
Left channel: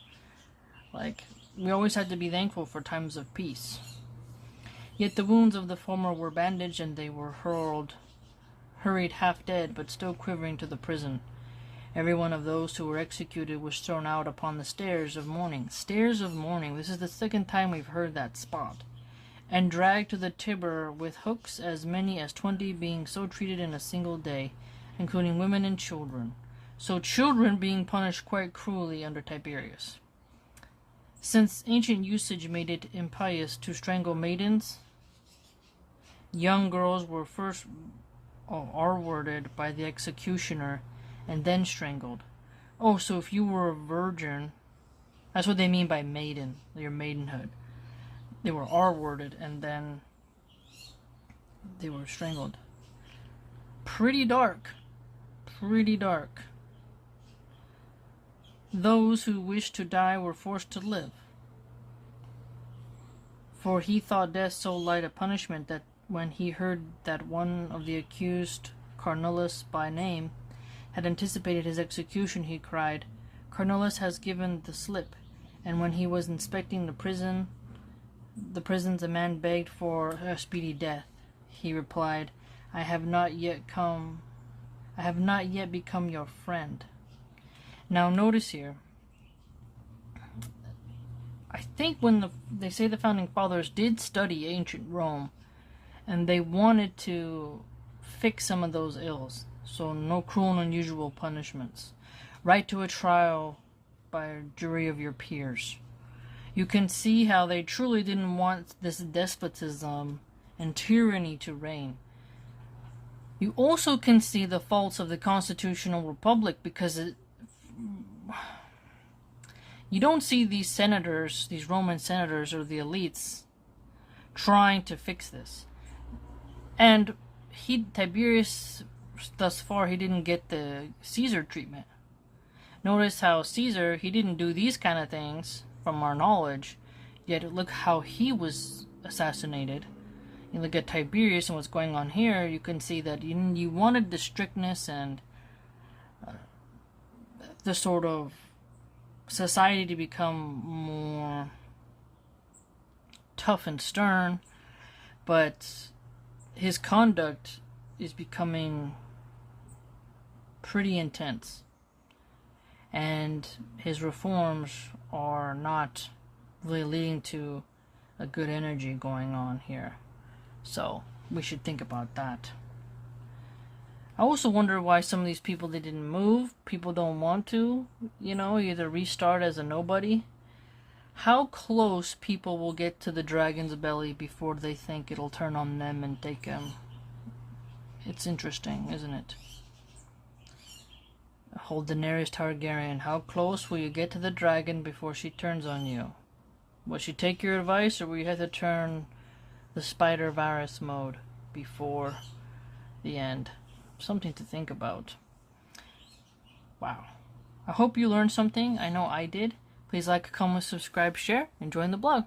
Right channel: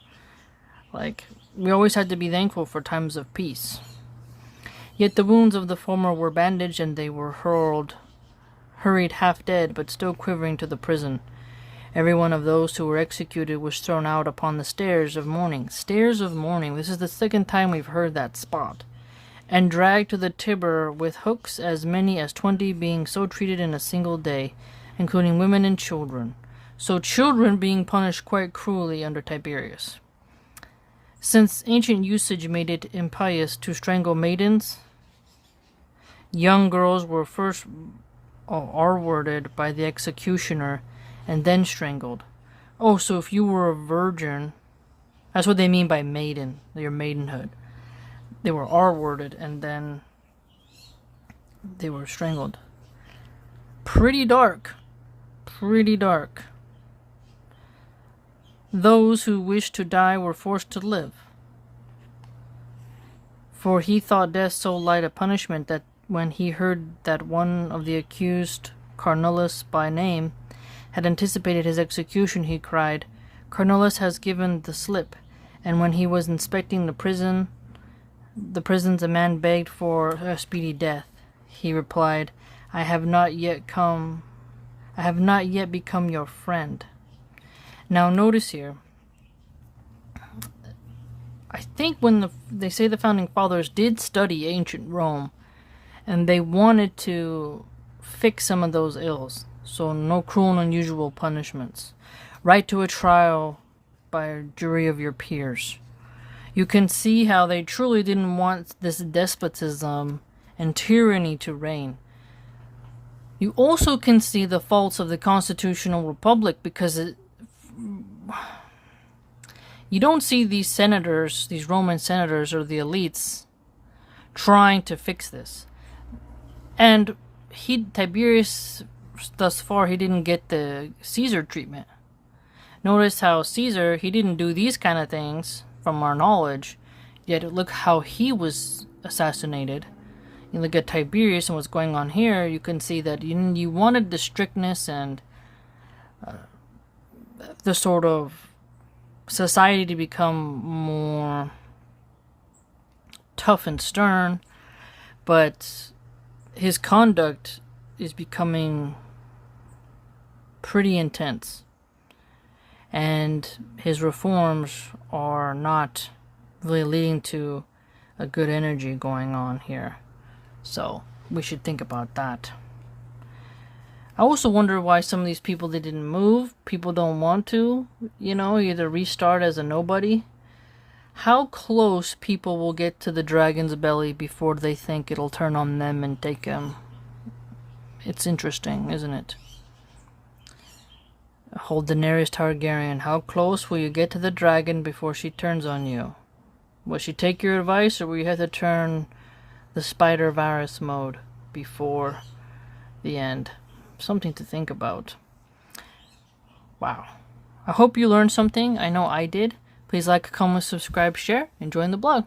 like, we always had to be thankful for times of peace. Yet the wounds of the former were bandaged, and they were hurried half dead, but still quivering to the prison. Every one of those who were executed was thrown out upon the stairs of mourning. Stairs of mourning. This is the second time we've heard that spot. And dragged to the Tiber with hooks, as many as 20 being so treated in a single day, including women and children. So children being punished quite cruelly under Tiberius. Since ancient usage made it impious to strangle maidens, young girls were first R-worded by the executioner and then strangled. Oh, so if you were a virgin, that's what they mean by maiden, your maidenhood. They were R-worded and then they were strangled. Pretty dark. Pretty dark. Those who wished to die were forced to live. For he thought death so light a punishment that when he heard that one of the accused, Carnulus by name, had anticipated his execution, he cried, Carnulus has given the slip. And when he was inspecting the prisons, a man begged for a speedy death. He replied, I have not yet become your friend. Now notice here, I think when they say the founding fathers did study ancient Rome, and they wanted to fix some of those ills. So no cruel and unusual punishments. Right to a trial by a jury of your peers. You can see how they truly didn't want this despotism and tyranny to reign. You also can see the faults of the constitutional republic, because you don't see these senators, these Roman senators or the elites, trying to fix this. And Tiberius, thus far, he didn't get the Caesar treatment. Notice how Caesar, he didn't do these kind of things from our knowledge, yet look how he was assassinated. You look at Tiberius and what's going on here, you can see that you wanted the strictness and the sort of society to become more tough and stern, but his conduct is becoming pretty intense, and his reforms are not really leading to a good energy going on here. So we should think about that. I also wonder why some of these people, they didn't move. People don't want to, either restart as a nobody. how close people will get to the dragon's belly before they think it'll turn on them and take them. It's interesting, isn't it? Hold Daenerys Targaryen, how close will you get to the dragon before she turns on you? Will she take your advice, or will you have to turn the Spider Varys mode before the end? Something to think about. Wow. I hope you learned something. I know I did. Please like, comment, subscribe, share, and join the blog.